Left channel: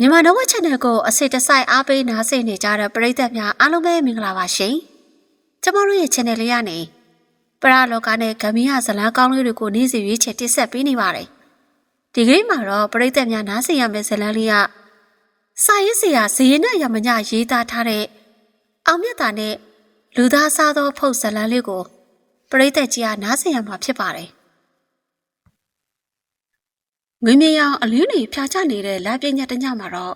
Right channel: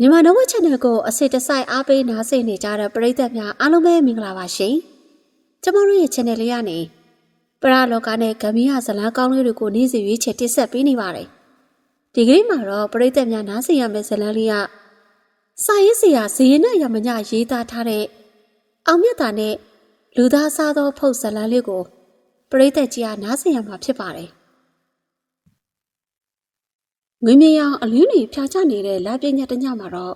မြန်မာနဝ channel ကိုအစစ်တစိုက်အားပေးနားဆင်နေကြတဲ့ပရိသတ်များအားလုံးပဲမင်္ဂလာပါရှင်။ကျမတို့ရဲ့ channel လေးကနေပရလောကနဲ့ဂမ်ဘီယာဇလန်းကောင်းလေးတွေကိုနေ့စဉ်ရွေးချယ်တင်ဆက်ပေးနေပါတယ်။ဒီကနေ့မှာတော့ပရိသတ်များနားဆင်ရမယ့်ဇလန်းလေးကစာရေးဆရာဇေယျနဲ့ရမညရေးသားထားတဲ့အောင်မြတ်တာနဲ့လူသားစားသောဖုတ်ဇလန်းလေးကိုပရိသတ်ကြီးကနားဆင်ရမှာဖြစ်ပါတယ်။ ငွေမြေရောင်အလင်းတွေဖြာချနေတဲ့လက်ပြည့်ညက်တညမှာတော့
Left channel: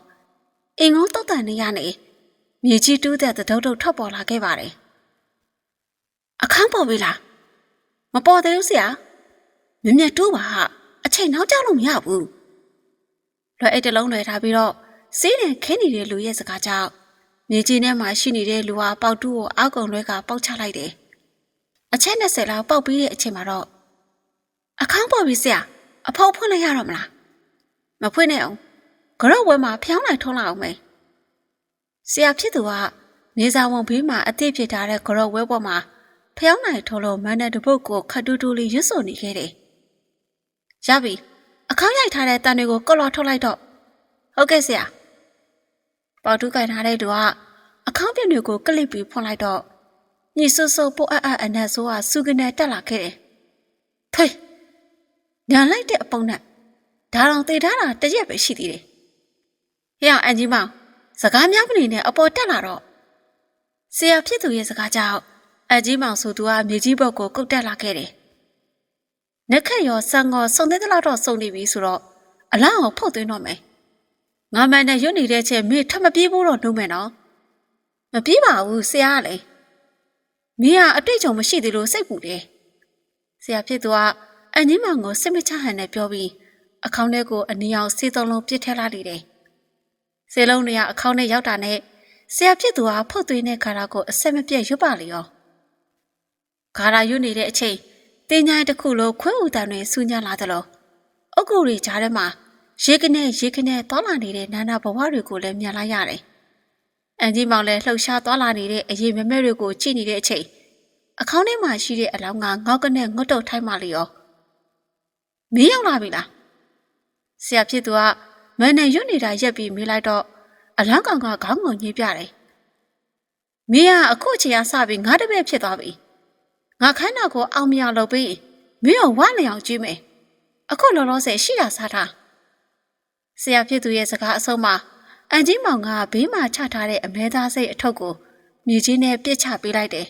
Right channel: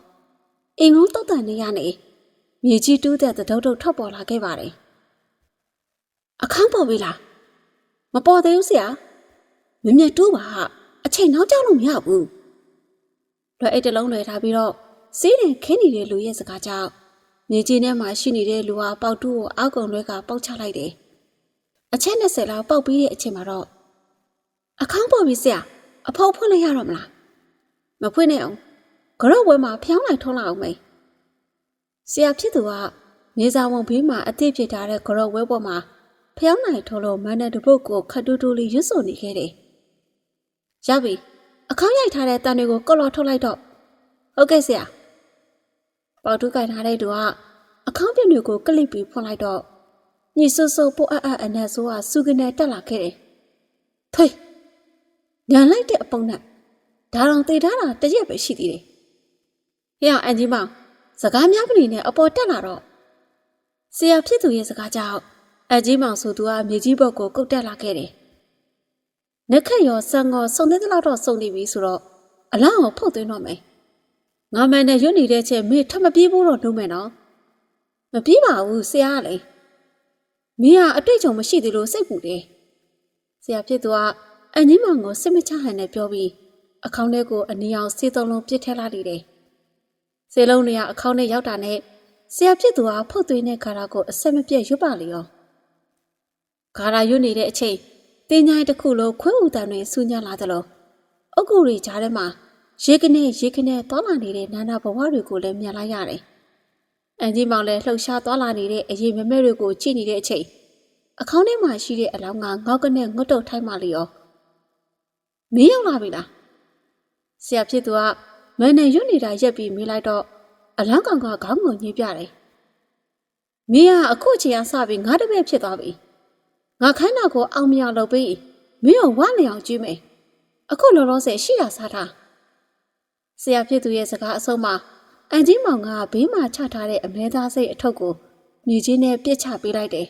အင်ငုံတုတ်တန်နေရနေမြေကြီးတူးတဲ့သဒုတ်တုတ်ထွက်ပေါ်လာခဲ့ပါတယ်။အခန်းပေါ်ပြီလား။မပေါ်သေးဘူးဆရာ။မြင်မြတ်တိုးပါဟာအချိန်နောက်ကျလို့မရဘူး။လွယ်အိတ်တစ်လုံးလွယ်ထားပြီးတော့စီးတယ်ခင်းနေတဲ့လူရဲ့စကားကြောင့်မြေကြီးထဲမှာရှိနေတဲ့လူဟာပေါက်တူးကိုအောက်ကုံလွဲကပေါက်ချလိုက်တယ်။အချက်20လောက်ပေါက်ပြီးတဲ့အချိန်မှာတော့အခန်းပေါ်ပြီဆရာ အဖောက်ဖွင့်လိုက်ရတော့မလား။မဖွင့်နဲ့အောင်။ကြော့ဝဲမှာဖျောင်းလိုက်ထုံးလိုက်အောင်မေ။ဆရာဖြစ်သူကမြေစာဝန်ဘေးမှာအသည့်ဖြစ်ထားတဲ့ကြော့ဝဲပေါ်မှာဖျောင်းလိုက်ထုံးလို့မန်းတဲ့တပုတ်ကိုခတ်တူးတူးလေးရွတ်ဆိုနေခဲ့တယ်။ရပြီ။အခေါင်းရိုက်ထားတဲ့တန်တွေကိုကော့လော်ထုတ်လိုက်တော့ဟုတ်ကဲ့ဆရာ။ပေါတူးကင်ထားတဲ့သူကအခေါင်းပြင်းတွေကိုကလစ်ပြီးဖွင့်လိုက်တော့ညီဆူဆူပို့အပ်အပ်အနက်ဆိုးကစူကနေတက်လာခဲ့တယ်။ဖေး ညာလိုက်တဲ့အပုံနဲ့ဒါတော့တည်ထားတာတစ်ရက်ပဲရှိသေးတယ်။ဟဲ့အန်ကြီးမောင်စကားများမနေနဲ့အပေါ်တက်လာတော့ဆရာဖြစ်သူရဲ့စကားကြောင့်အန်ကြီးမောင်ဆိုသူကမြေကြီးဘက်ကိုကုတ်တက်လာခဲ့တယ်။နက်ခက်ရောဆန်ကောစုံသေးသလောက်တော့စုံနေပြီဆိုတော့အလောင်းကိုဖုတ်သွင်းတော့မယ်။ငါမန်နဲ့ရွတ်နေတဲ့ချက်မေထပ်မပြေးဘူးတော့နှုံးမယ်နော်။မပြေးပါဘူးဆရာကလေ။မင်းကအတွေ့အကြုံမရှိသေးလို့စိတ်ပူတယ်။ဆရာဖြစ်သူက အန်ကြီးမောင်ကိုစစ်မချဟန်နဲ့ပြောပြီးအခေါင်းထဲကိုအနီအောင်စေးသုံးလုံးပစ်ထည့်လိုက်တယ်။စေလုံးတွေကအခေါင်းထဲရောက်တာနဲ့ဆရာဖြစ်သူကဖုတ်သွင်းတဲ့ခါရကိုအဆက်မပြတ်ရွတ်ပါလေရော။ခါရရွတ်နေတဲ့အချိန်တင်းញိုင်းတစ်ခုလုံးခွဲဥတန်တွေဆူညံလာသလိုအုတ်ကူတွေကြားထဲမှာရေကနေရေကနေသွားလာနေတဲ့နာနာဘဝတွေကိုလည်းမြင်လိုက်ရတယ်။အန်ကြီးမောင်လည်းလှုပ်ရှားသွားလာနေတဲ့အရေးမမဲတွေကိုကြည့်နေတဲ့အချိန်အခေါင်းထဲမှာရှိတဲ့အလောင်းကငေါက်ကနေငွတ်တုတ်ထိုင်းမှလေရော မင်းရောက်လာပြီလားဆရာဖြစ်သူကမန်နဲ့ရွတ်နေတာရက်ပြီးမေးလိုက်တော့အလန်းကောင်ကခေါင်းကိုညှိပြတယ်မင်းကအခုအချိန်ကစပြီးငါတပည့်ဖြစ်သွားပြီငါခန္ဓာကိုအောင်မြလုပ်ပြီးမင်းကိုဝမ်းလျောင်ကြည့်မယ်အခုလောလောဆယ်ရှိတာစားထားဆရာဖြစ်သူရဲ့စကားအဆုံးမှာအန်ကြီးမောင်ကဘေးမှာချထားတဲ့အမဲသားစိတ်အထုပ်ကိုမြေကြီးနဲ့ပြစ်ချပေးလိုက်တယ်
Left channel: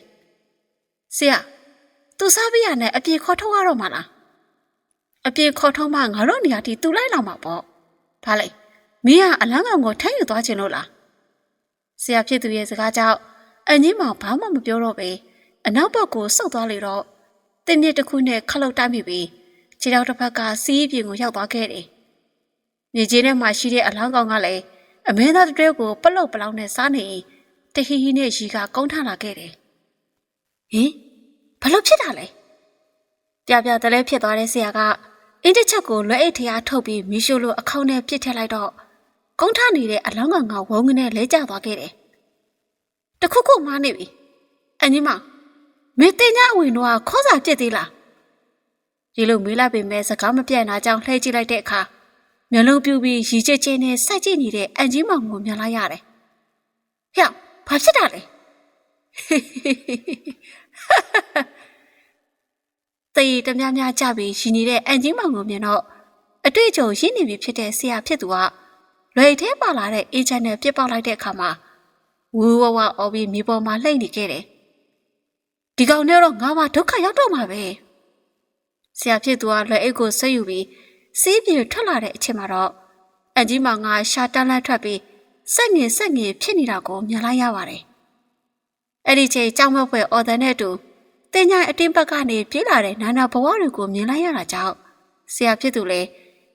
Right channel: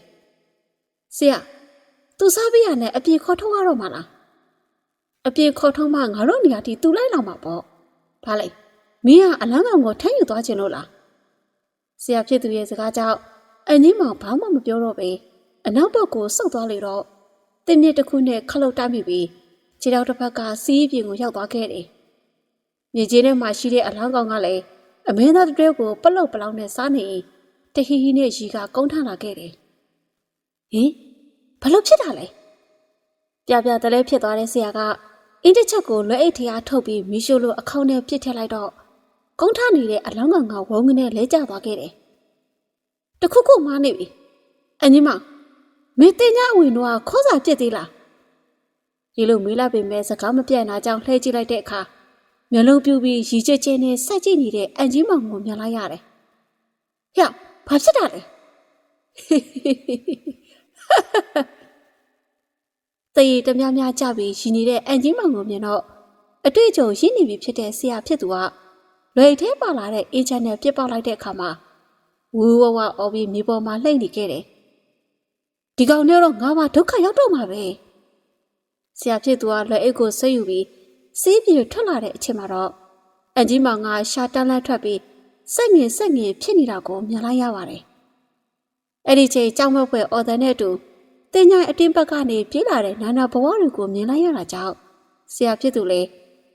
ဆရာသူစားပြရနဲ့အပြေခေါ်ထုတ်ရတော့မှာလား အပြေခေါ်ထုတ်မှငါတို့နေရာတီတူလိုက်လာမှာပေါ့။ဒါလိုက်မင်းကအလန်းကောင်ကိုထမ်းယူသွားခြင်းလို့လား။ဆရာဖြစ်သူရဲ့စကားကြောင့်အန်ကြီးမောင်ဘာမှမပြောတော့ပဲအနောက်ဘက်ကိုဆုတ်သွားလေတော့တင်းမြစ်တစ်ခုနဲ့ခလုတ်တိုက်မိပြီးခြေထောက်တစ်ဖက်ကစီးပြင်ကိုရောက်သွားခဲ့တယ်။မြေကြီးထဲမှာရှိတဲ့အလောင်းကောင်ကလည်းအမင်းသားတည်းကိုပလုတ်ပလောင်နဲ့စားနေတဟီဟီနဲ့ရီကကုန်းထလာခဲ့တယ်။ဟင်ဘလို့ဖြစ်တာလဲ။ပြပြတလဲဖြစ်သွားတဲ့ဆရာက အင်းတစ်ချက်ကိုလွှဲအိတ်ထရားထုတ်ပြီးမီရှိုလိုအခေါင်းနဲ့ပြစ်ထည့်လိုက်တော့ကုန်းထနေတဲ့အလောင်းကောင်ကဝုန်းကနေလဲကျသွားခဲ့တယ်။တခုခုမှားနေပြီ။အန်ကြီးမမင်းတင်ညာအဝင်တော့ခေါ်စာပြစ်သေးလား။ဒီလိုမေးလိုက်ပေမဲ့စကားမပြတ်နာကြောင်လှည့်ကြည့်လိုက်တဲ့အခါမျက်လုံးပြူပြီးရီကျစ်ချင်းနဲ့စိုက်ကြည့်နေတဲ့အန်ကြီးမောင်ကိုမြင်လိုက်ရတယ်။ဟဲ့ဘာဖြစ်တာလဲ။ တရေတများများကြပြီးရှင်နေတဲ့အန်ကြီးမောင်ကိုမြင်တော့အတွေ့အကြုံရင်းနေပြီဖြစ်တဲ့ဆရာဖြစ်သူကလွယ်ထဲပါလာတဲ့အေဂျင့်နဲ့ပြစ်ပေါက်လိုက်တဲ့အခါမှာဝူဝဝအော်ပြီးမြေပေါ်မှာလှိမ့်နေခဲ့တယ်။ဒီကောင်နဲ့တော့ငါမှဒုက္ခရောက်တော့မှာပဲ။ဆရာဖြစ်သူကလွယ်အိတ်ကိုဆွဲယူပြီးစီးပြေထွက်လာတဲ့အချိန်မှာတော့အန်ကြီးမောင်ကရှာတန်းလန်းထွက်ပြီးစက်ငင်စက်ငင်ဖြစ်နေတာကိုမြင်လိုက်ရပါတယ်။အဲ့ဒီချိန်ကြောက်မက်ဖွယ်အော်ဒန်နဲ့တူ တင်ညာအတင်းဘက်ကနေပြေးလာတဲ့နာနာဘဝတွေကိုမြင်လိုက်ရတာကြောင့်ဆရာဖြစ်သူလည်း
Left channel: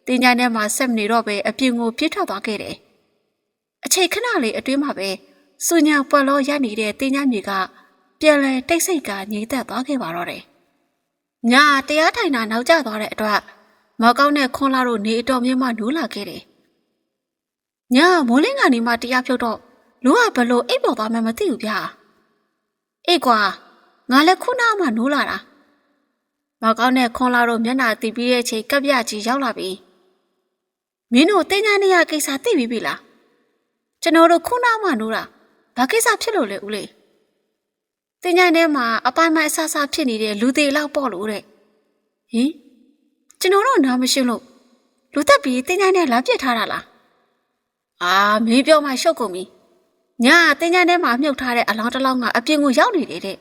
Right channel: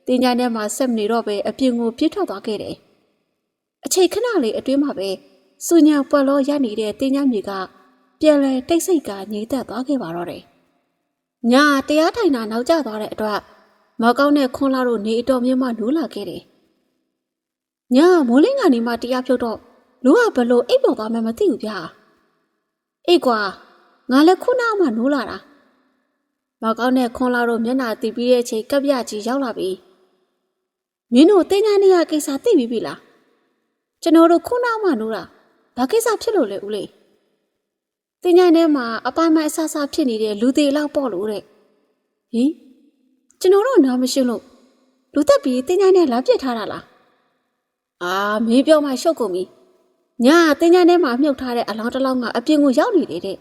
တင်ညာထဲမှာဆက်မနေတော့ပဲအပြင်ကိုပြေးထွက်သွားခဲ့တယ်။အချိန်ခဏလေးအတွင်းမှာပဲစူညာပွက်လောရနေတဲ့တင်ညာမြေကပြန်လဲတိတ်ဆိတ်ကငြိမ်သက်သွားခဲ့ပါတော့တယ်။ညာတရားထိုင်တာနောက်ကျသွားတဲ့အတွက်မောက်ကောင်းနဲ့ခွန်လာတို့နေအတော်မြင့်မှနိုးလာခဲ့တယ်။ညာမိုးလင်းကနေမှတရားဖြုတ်တော့လူကဘလို့အိပ်ပေါ်သွားမှမသိဘူးဗျာ။အေးကွာ ငါလည်းခုနမှနိုးလာတာမောက်ကောင်းနဲ့ခွန်လာတို့မျက်နှာတီးပြီးတဲ့အချိန်ကပ်ပြကြီးရောက်လာပြီမင်းတို့တင်းညာနေရကိစ္စသိပြီပြီလားကျွန်တော်တို့ခုနမှနိုးတာဘာကိစ္စဖြစ်လို့လဲဦးလေးတင်ညာထဲမှာအပိုင်းပိုင်းအဆဆဖြစ်နေတဲ့လူသေးလောက်ပေါ့လို့တဲ့ဟင်ကျွန်တော်တို့နားမရှိလို့လူတက်ပြီးတင်ညာနဲ့လာပြစ်ထားတာလားအာမေးပြောမှရှုပ်ကုန်ပြီညာတင်ညာထဲမှာမြုပ်ထားတဲ့အလောင်းတစ်လောင်းကအပြင်ကိုရောက်နေတယ်တဲ့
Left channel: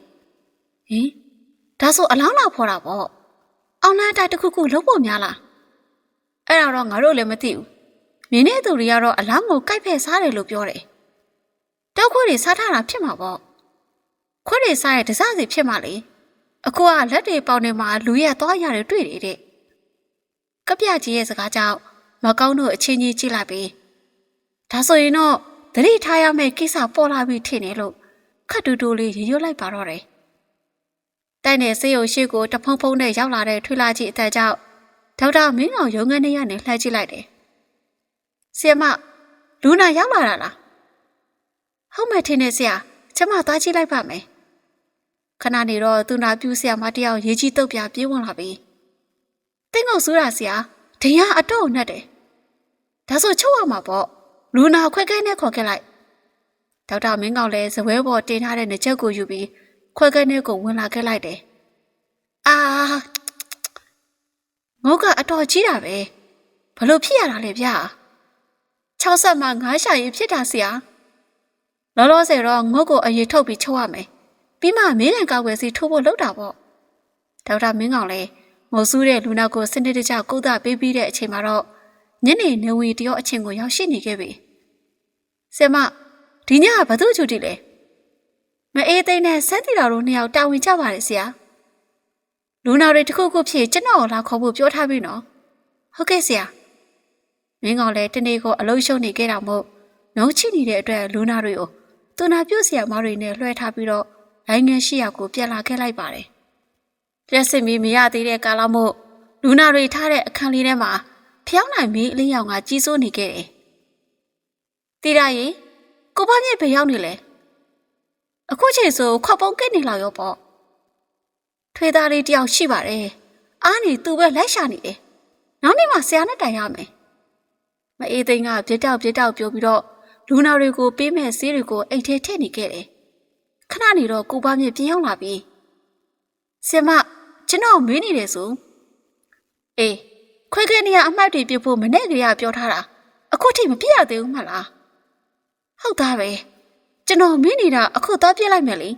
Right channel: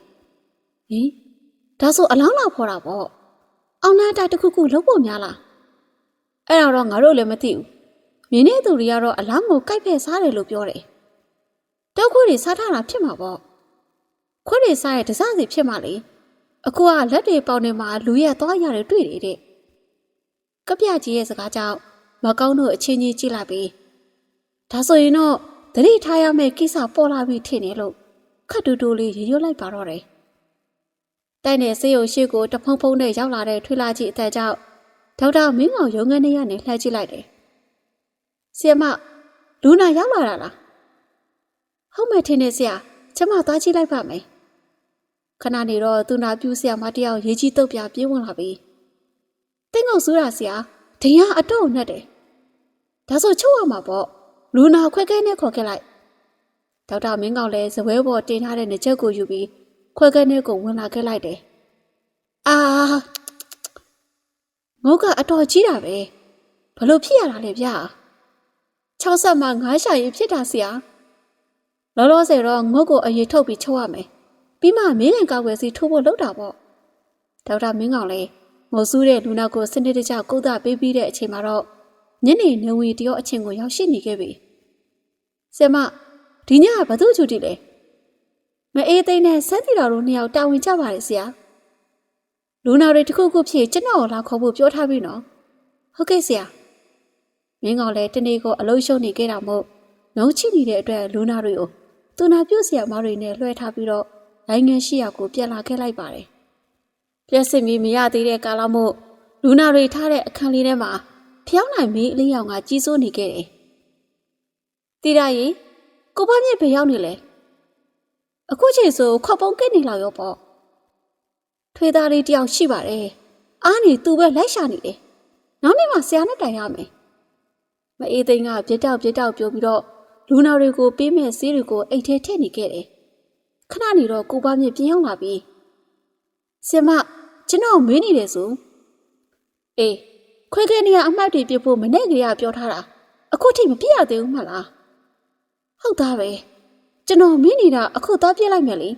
ဟင်ဒါဆိုအလောင်းလောက်ဖော်တာပေါ့အောင်လန်းတိုက်တစ်ခုခုလုံးဖို့များလားအဲ့တော့ငါတို့လည်းမသိဘူးမင်းနဲ့သူတွေကတော့အလောင်းကိုကိုက်ဖက်စားတယ်လို့ပြောတယ်တောက်ခွေးတွေစားထားတာဖြစ်မှာပေါ့ခွေးတွေစားရဲ့ဒစစီဖြစ်မှာလေအခုကလက်တွေပေါင်နေမှာလူရဲ့သွားရတယ်တွေ့တယ်တဲ့ကပြကြီးရဲ့စကားကြောင့်မကောင်းတို့အချင်းချင်းကြည့်လိုက်ပြီးဒါဆိုရင်တော့သတိထားရမယ့်ကိစ္စပေါ်လာပြီထင်တယ်လို့ခတ်တူတူလေးရေရွတ်လိုက်ပါတော့တယ် တိုင်တဲ့ဆေးရုံရှိကိုတဖုံဖုံနဲ့ရောက်လာတဲ့ထွေလာကြီးအသက်ကြောင့်ဒေါက်တာမင်းအောင်ရုံငန်းနေရနေလှည့်ကြည့်လိုက်တယ်ဆီယမလူနာရောက်လာတာလားဟုတ်မယ်ထင်တယ်ဆရာကျမသွားကြည့်လိုက်ပါမယ်ခဏနေတော့သူနာပြူဆရာမတယောက်ရေးကြီးတုတ်ပြပြေးဝင်လာပြီတင်းကုန်စူးတာဆရာဒင်ကအတော့နဲ့တယ်ဒါဆိုချုပ်ရမှာပေါ့လူနာခွဲခဲနဲ့ခေါ်ခဲ့လိုက်ဒေါက်တာမင်းကောင်လည်းဇပွဲပေါ်တင်ထားတဲ့နှချက်ကိုယူပြီး ခွဲခဲနဲ့ကိုဝင်လာခဲ့လိုက်တယ်အာငုတ်ကအတော်ကြီးတာပဲဘလို့ဖြစ်ရတာလဲဗျာ60မှ9ရှာရင်ဖြစ်တာဆရာလောလောဆယ်တော့ငုတ်ကိုအရေးထုတ်ပြီးချုပ်ရမယ်ပြီးမှမင်းကန်ကောက်ွယ်စီထိုးဖို့လုပ်တာပေါ့ဒေါက်တာမင်းကောင်လည်းငိုဆူးတဲ့လူနာကိုစနစ်တကျကုသပေးပြီးတဲ့အချိန်မှာတော့ညနေနေဝင်တရောအချင်းကိုရောက်ရှိနေခဲ့ပြီဆရာမဒီညကဘာသူ့ချူတီလဲ မအေးသိန်းနဲ့စက်တီတော်တို့နှစ်ယောက်တာဝန်ကြပါတယ်ဆရာလူနာတွေတစ်ခုခုဖြစ်ကျွန်တော်လာခေါ်ဖို့ပြောထားပြီနော်ဟုတ်ကဲ့ဆရာမင်းကောင်လည်းတနေ့ကိုအလုံးရှုံနေခဲ့တာမို့နှုံးချိနေတဲ့အတွက်လူနာတွေကိုသူနာပြုတ်ဆရာမတွေနဲ့လွှဲထားပြီးတော့လိုင်းငယ်ရှိရာကိုပြန်လာခဲ့လိုက်ပါတယ်ပြက်စစ်မီမရသေးတဲ့ကာလမို့လူနာတွေထားတဲ့အခန်းလေးထဲမှာဖျောင်းနိုင်မီအလင်းရောင်ကကြီးစိုးနေခဲ့တယ်တီရရီကိုမမြင့်ဘယ်ရောက်နေလဲ အခုချိန်ဆိုခောက်ပုံးကိတ်နေလောက်ရောပေါ့ထွေးသားလေးတယောက်ရှိပါတယ်အားနေသူပဲလိုက်ရှာနေတယ်နောက်နေ့မှဆရာနဲ့တိုင်ရမယ်မအေးသိန်းကပြစ်တောက်ပြစ်တောက်ပြောပြီးတော့လူနာတွေကိုပေးမဲ့ဆေးတွေကိုအိတ်ထဲထည့်နေခဲ့တယ်ခဏနေတော့ကိုပါမြင့်ပြန်ရောက်လာပြီဆင်မကျွန်တော်မေးနေတယ်ဆိုအေးခွဲခဲနေရအမှတ်တွေပြဖို့မနဲ့ကလေးကပြောထားတာအခုထိမပြရသေးဘူးမလားဟုတ်သားပဲ ကျွန်တော်မင်းနေတာအခုသားပြလိုက်မယ်လေ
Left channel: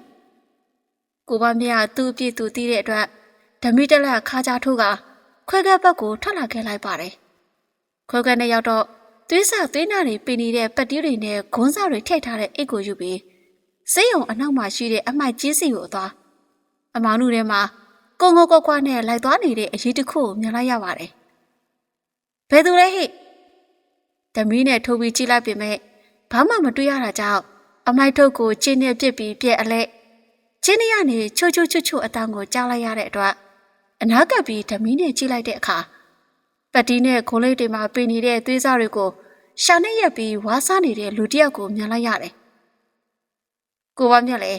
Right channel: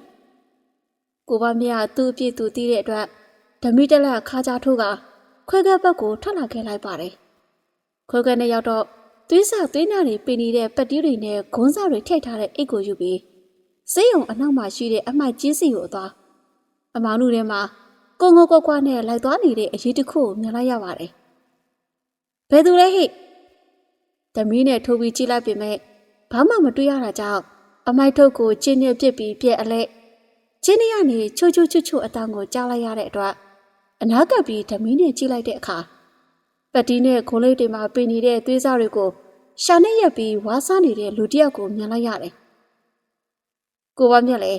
ကိုပါမြတ်သူ့အပြစ်သူသိတဲ့အတွက်ဓမီတက်လက်ခါကြထိုးကခွဲခဲဘက်ကိုထွက်လာခဲ့လိုက်ပါတယ်ခွဲခဲနဲ့ရောက်တော့သွေးစာသွေးနာတွေပင်နေတဲ့ပတ်တီးတွေနဲ့ဂွန်းစာတွေထိတ်ထားတဲ့အိတ်ကိုယူပြီးစေးရုံအနောက်မှာရှိတဲ့အမိုက်ကြီးစီကိုသွားအမောင်တို့ထဲမှာကိုငိုကွက်ကွက်နဲ့လိုက်သွားနေတဲ့အရေးတစ်ခုကိုမြင်လိုက်ရပါတယ်ဘယ်သူလဲဟိဓမီနဲ့ထိုးပြီးကြည့်လိုက်ပေမဲ့ဘာမှမတွေ့ရတာကြောင့် အမိုက်ထုတ်ကိုကျင်းနဲ့ပြစ်ပြီးပြက်အလဲကျင်းရနေချိုချိုချွတ်ချွတ်အတန်းကိုကြားလိုက်ရတဲ့အတွက်အနားကပ်ပြီးဓမီနဲ့ကြည့်လိုက်တဲ့အခါပတ်တီးနဲ့ခိုးလေးတွေမှာပင်နေတဲ့သွေးစားတွေကိုရှောင်းနဲ့ရက်ပြီးဝါးစားနေတဲ့လူတစ်ယောက်ကိုမြင်လိုက်ရတယ်။ကိုပါမြက်လေ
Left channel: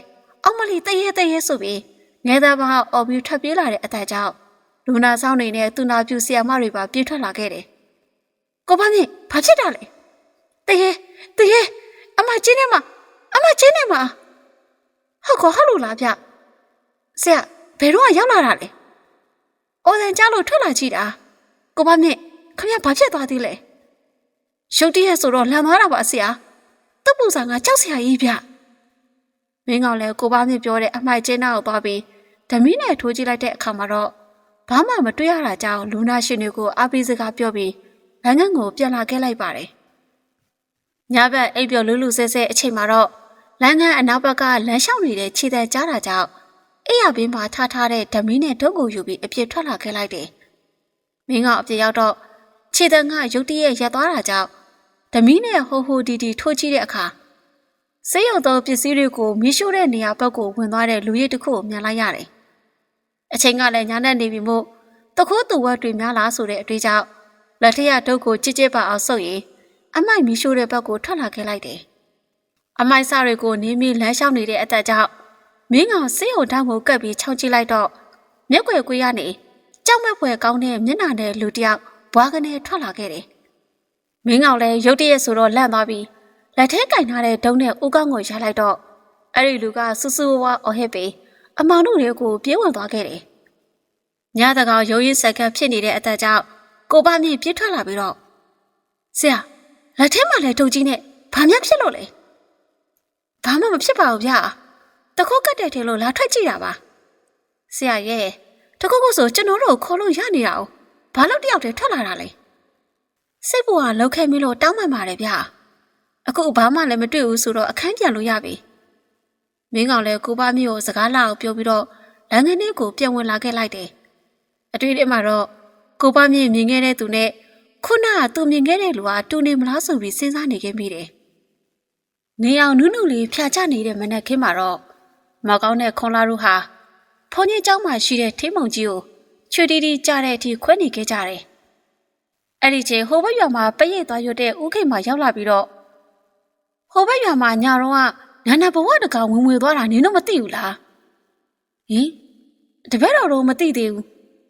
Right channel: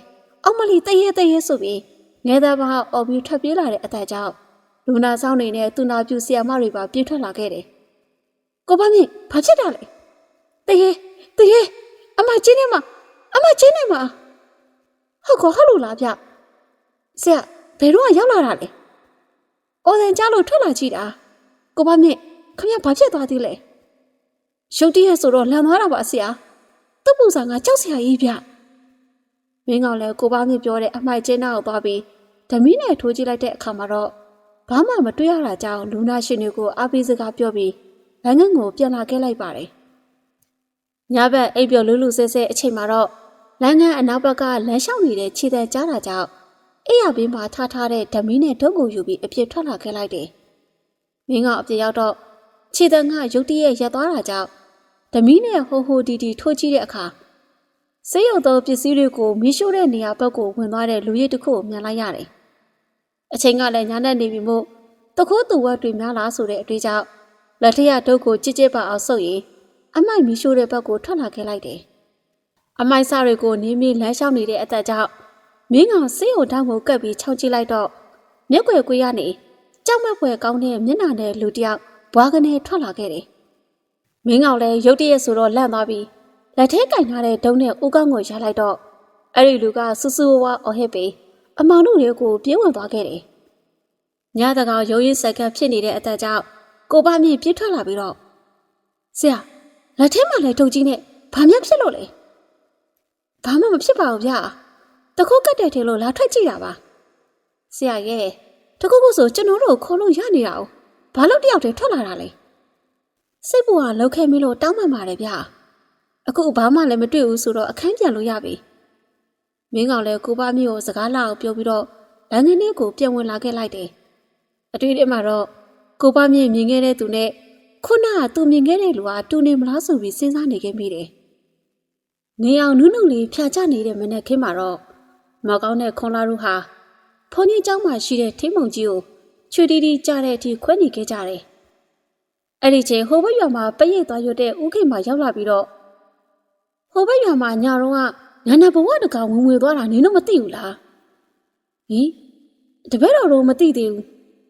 အောက်မလီတရေတရေဆိုပြီးငယ်သားဘာအော်ပြီးထွက်ပြေးလာတဲ့အတက်ကြောင့်လူနာဆောင်နေနဲ့သူနာပြူဆီယာမတွေပါပြေးထွက်လာခဲ့တယ်။ကိုပါမြင့်ဘာဖြစ်တာလဲ။တရေတရေအမချင်းနေမှာ အမချင်းနေမှာဟုတ်ကောဟုတ်လို့လားဗျ။ဆရာဘယ်တော့ရောက်လာတာလဲ။အော်စင်ကြားလို့ထွက်လာကြည့်တာ။ကိုပါမြင့်ခမရဘာဖြစ်သွားသေးလဲ။ရုတ်တရက်ဆိုတော့လန်သွားတာပါဆရာ။တပ်ပူစာကကြောက်စရာကြီးဗျ။မင်းကောင်လည်းကိုပါမြင့်ပြောတဲ့အမိုက်ချင်းနောက်သွားပြီးဓမီနဲ့ထိုးကြည့်လိုက်တဲ့အခါမှာတော့ဘာမှမတွေ့ရတာကြောင့်လူနာရှင်တွေကိုအပိစကားပြောပြီးလမ်းငန်းကိုပြန်လာခဲ့လိုက်ပါတယ်။ညဘက်အိပ်ပျော်လူလူဆဲဆဲအချိန်မှာတော့ လမ်းငန်းအနောက်ဘက်ကလမ်းလျှောက်နေတဲ့ခြေတံကြားတာကြောင့်အိယာပင်းမှာထားထားတဲ့ဓမီနဲ့ဒုတ်ကိုယူပြီးအပြစ်ထွက်လာခဲ့လိုက်တယ်။မင်းကအပြစ်ရောက်တော့ခြေတံကရုတ်တရက်ရက်သွားတာကြောင့်ဓမီနဲ့ဟိုဟိုတီတီထိုးကြည့်တဲ့အခါဆေးရုံသောပစ္စည်းတွေကိုမီးရှို့တဲ့နေရာဘက်ကိုဝင်သွားတဲ့လူရည်တစ်ခုကိုမြင်လိုက်ရတယ်။အချိန်ကလည်းညာနဲ့နေပြီမို့တခိုးသူဝက်တွေများလားဆိုတဲ့အတွေ့အကြောင့်လက်ထက်ဒုတ်ကိုကြစ်ကြစ်ပါအောင်ဆုပ်ရင်အမိုက်မီးရှို့တဲ့ဘက်ကိုထွက်လာခဲ့လိုက်တယ်။ အမိုက်စတွေကိုနင်းပြီးလမ်းလျှောက်နေတဲ့အတက်ကြောင့်မင်းကောင်ဆေးရုံတောင်ကိုကပ်ပြီးခြောက်ကြည့်လိုက်တော့မျက်ွယ်ကွေးရနေကြောက်မဲ့ဖွယ်ကောင်းတဲ့မျက်နှာနဲ့လူတယောက်ဘွားကနေထွက်လာခဲ့တယ်။မင်းကောင်လည်းရုတ်တရက်ဆိုတော့လန့်သွားပြီးလက်ထဲကင်ထားတဲ့ဒုံနဲ့ဦးကောင်းကိုရလိုက်တော့အဲ့ဒီလူကစူးစူးဝါးအော်ဟစ်ပြီးအမောင်တို့တွေကိုပြေးဝင်သွားခဲ့တယ်။ညတကောင်ရုံရင်းဆက်ကပ်ဖြစ်နေတဲ့အသက်ကြောင့်ကိုပါမြင့်ပြေးထွက်လာပြီးတော့ဆရာလက်ထဲမှာလည်းဒုံကြီးနဲ့ဘာမှဖြစ်လို့လဲ။ ဘာမှမဖြစ်ပါဘူးဗျာ။တခုကတ်တယ်ထင်လို့လာထွက်ကြည့်တာပါ။ဆရာရဲ့တခုခုဆိုကျွန်တော်တို့ကိုခေါ်လို့ရနေတာ哦။ဘာလို့တယောက်တည်းထွက်လာတာလဲ။စိတ်ပူကလောက်ခဲ့မလို့တောင်းပန်ပါတယ်ဗျာ။အခုဘာမှလည်းမတွေ့ဘူးဆိုတော့အခန်းပြန်လို့ရပြီ။မင်းကောင်လည်းကိုပါမျိုးကိုစကားလာအောင်ပြောပြီးတော့လမ်းကနေကိုပြန်ဝင်လာခဲ့လိုက်တယ်။အတွေ့အကြုံမှာတော့ကိုပါမြေမြင်ခဲ့တဲ့သူနဲ့ခုနကသူမြင်ခဲ့တဲ့လူဟာတူနေမလားဆိုပြီးစဉ်းစားနေခဲ့မိတယ်။ နေအောင်နုနုလေးဖြာချနေတဲ့မနက်ခင်းမှာတော့မောင်ကောင်းတဲ့ခွန်လာတို့ဟာဖုန်းကြီးเจ้าမှာရှိတဲ့ထိမုံကြီးကိုချွေတီတီကြားတဲ့အထိခွဲနေခဲ့ကြတယ်။အဲ့ဒီချိန်ဟိုဘက်ရွာမှာပရိတ်သွားရွတ်တဲ့ဥခိတ်မှာရောက်လာပြီးတော့ဟိုဘက်ရွာမှာညာတော့ကနာနာဘဝတကောင်ဝင်ဝင်သွားတာနင်တို့မသိဘူးလား။ဟင်တပည့်တော်တို့မသိသေးဘူး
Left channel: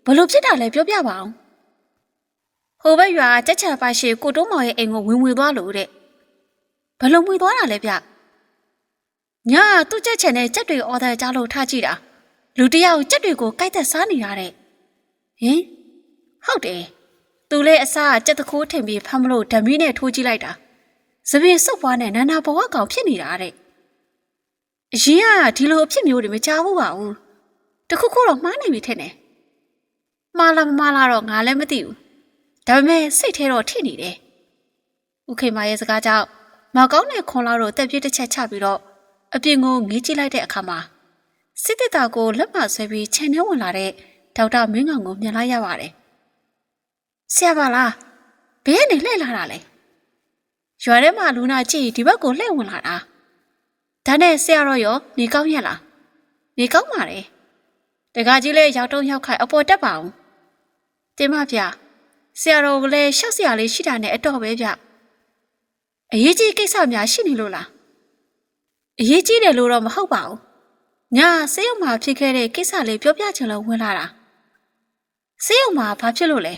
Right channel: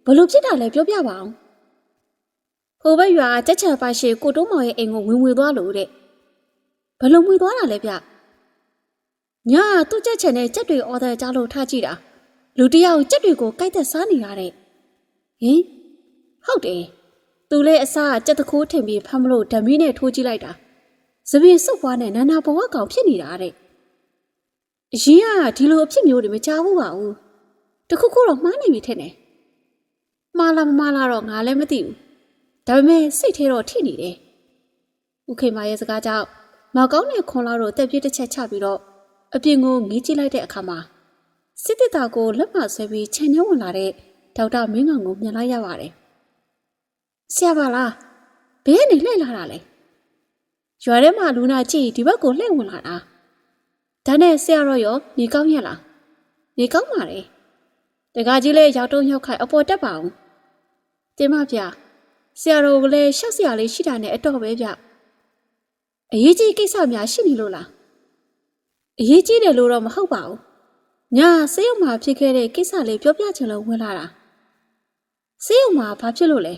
ဘလို့ဖြစ်တာလဲပြောပြပါအောင်။ဟိုဘက်ရွာတက်ချံပါရှိကိုတုံးမောင်ရဲ့အိမ်ကိုဝင်ဝင်သွားလို့တဲ့။ ဘလို့ဝင်သွားတာလဲဗျ။ညာသူ့ချက်ချံနဲ့ကြက်တွေအော်တဲ့ကြားလို့ထားကြည့်တာ။လူတယောက်ကြက်တွေကိုကြိုက်သက်စားနေတာတဲ့။ဟင်ဟုတ်တယ်။သူလည်းအစားကြက်တကူးထင်ပြီးဖမ်းမလို့ဓမီနဲ့ထိုးကြည့်လိုက်တာ။စပင်းစုပ်ပွားနဲ့နာနာဘဝကောင်ဖြစ်နေတာတဲ့။အရင်ကဒီလိုအဖြစ်မျိုးတွေမကြားဘူးပါဘူး။တခုခုတော့မှားနေပြီထင်တယ်။မှားလားမမှားလားတော့ငါလည်းမသိဘူး။ဒါပေမဲ့စိတ်ထဲတော့ထိနေတယ်။ဥခေမာရဲ့စကားကြောင့် မကောင်းတဲ့ခွန်လာတော့တက်ပြစ်တစ်ချက်ချပြီးတော့အပြင်ကိုငေးကြည့်လိုက်တဲ့အခါမှာစစ်တစ်တာကိုလက်မဆွဲပြီးခြံထဲဝင်လာတဲ့ဒေါက်တာမင်းကောင်ကိုမြင်လိုက်ရပါတယ်။ဆရာပါလားဘယ်ကနေလှည့်လာတာလဲ။ရွာထဲမှာလူနာကြည့်ဒီဘက်ကိုလှည့်ဝင်လာတာ။ဒါနဲ့ဆရာရောရောနေကောင်းရလား။နေကောင်းပါလေ။တကကြီးလည်းရောက်တုံးရောက်ခိုက်အပေါ်တက်ပါအောင်။တင်မဗျာဆရာတော်ကလည်းရှော့ဆရာလေးရှိတာနဲ့အတော့ပဲဗျ။ အရေးကြီးကိစ္စများရှိနေလို့လား။အရေးကြီးတယ်လို့တော့မဟုတ်ပါဘူး။ညာဆေးရုံမှာဖြစ်ခဲ့တဲ့ကိစ္စလေးပြောပြချင်လို့ဝင်လာတာ။ဆေးရုံမှာဘာဖြစ်လို့လဲ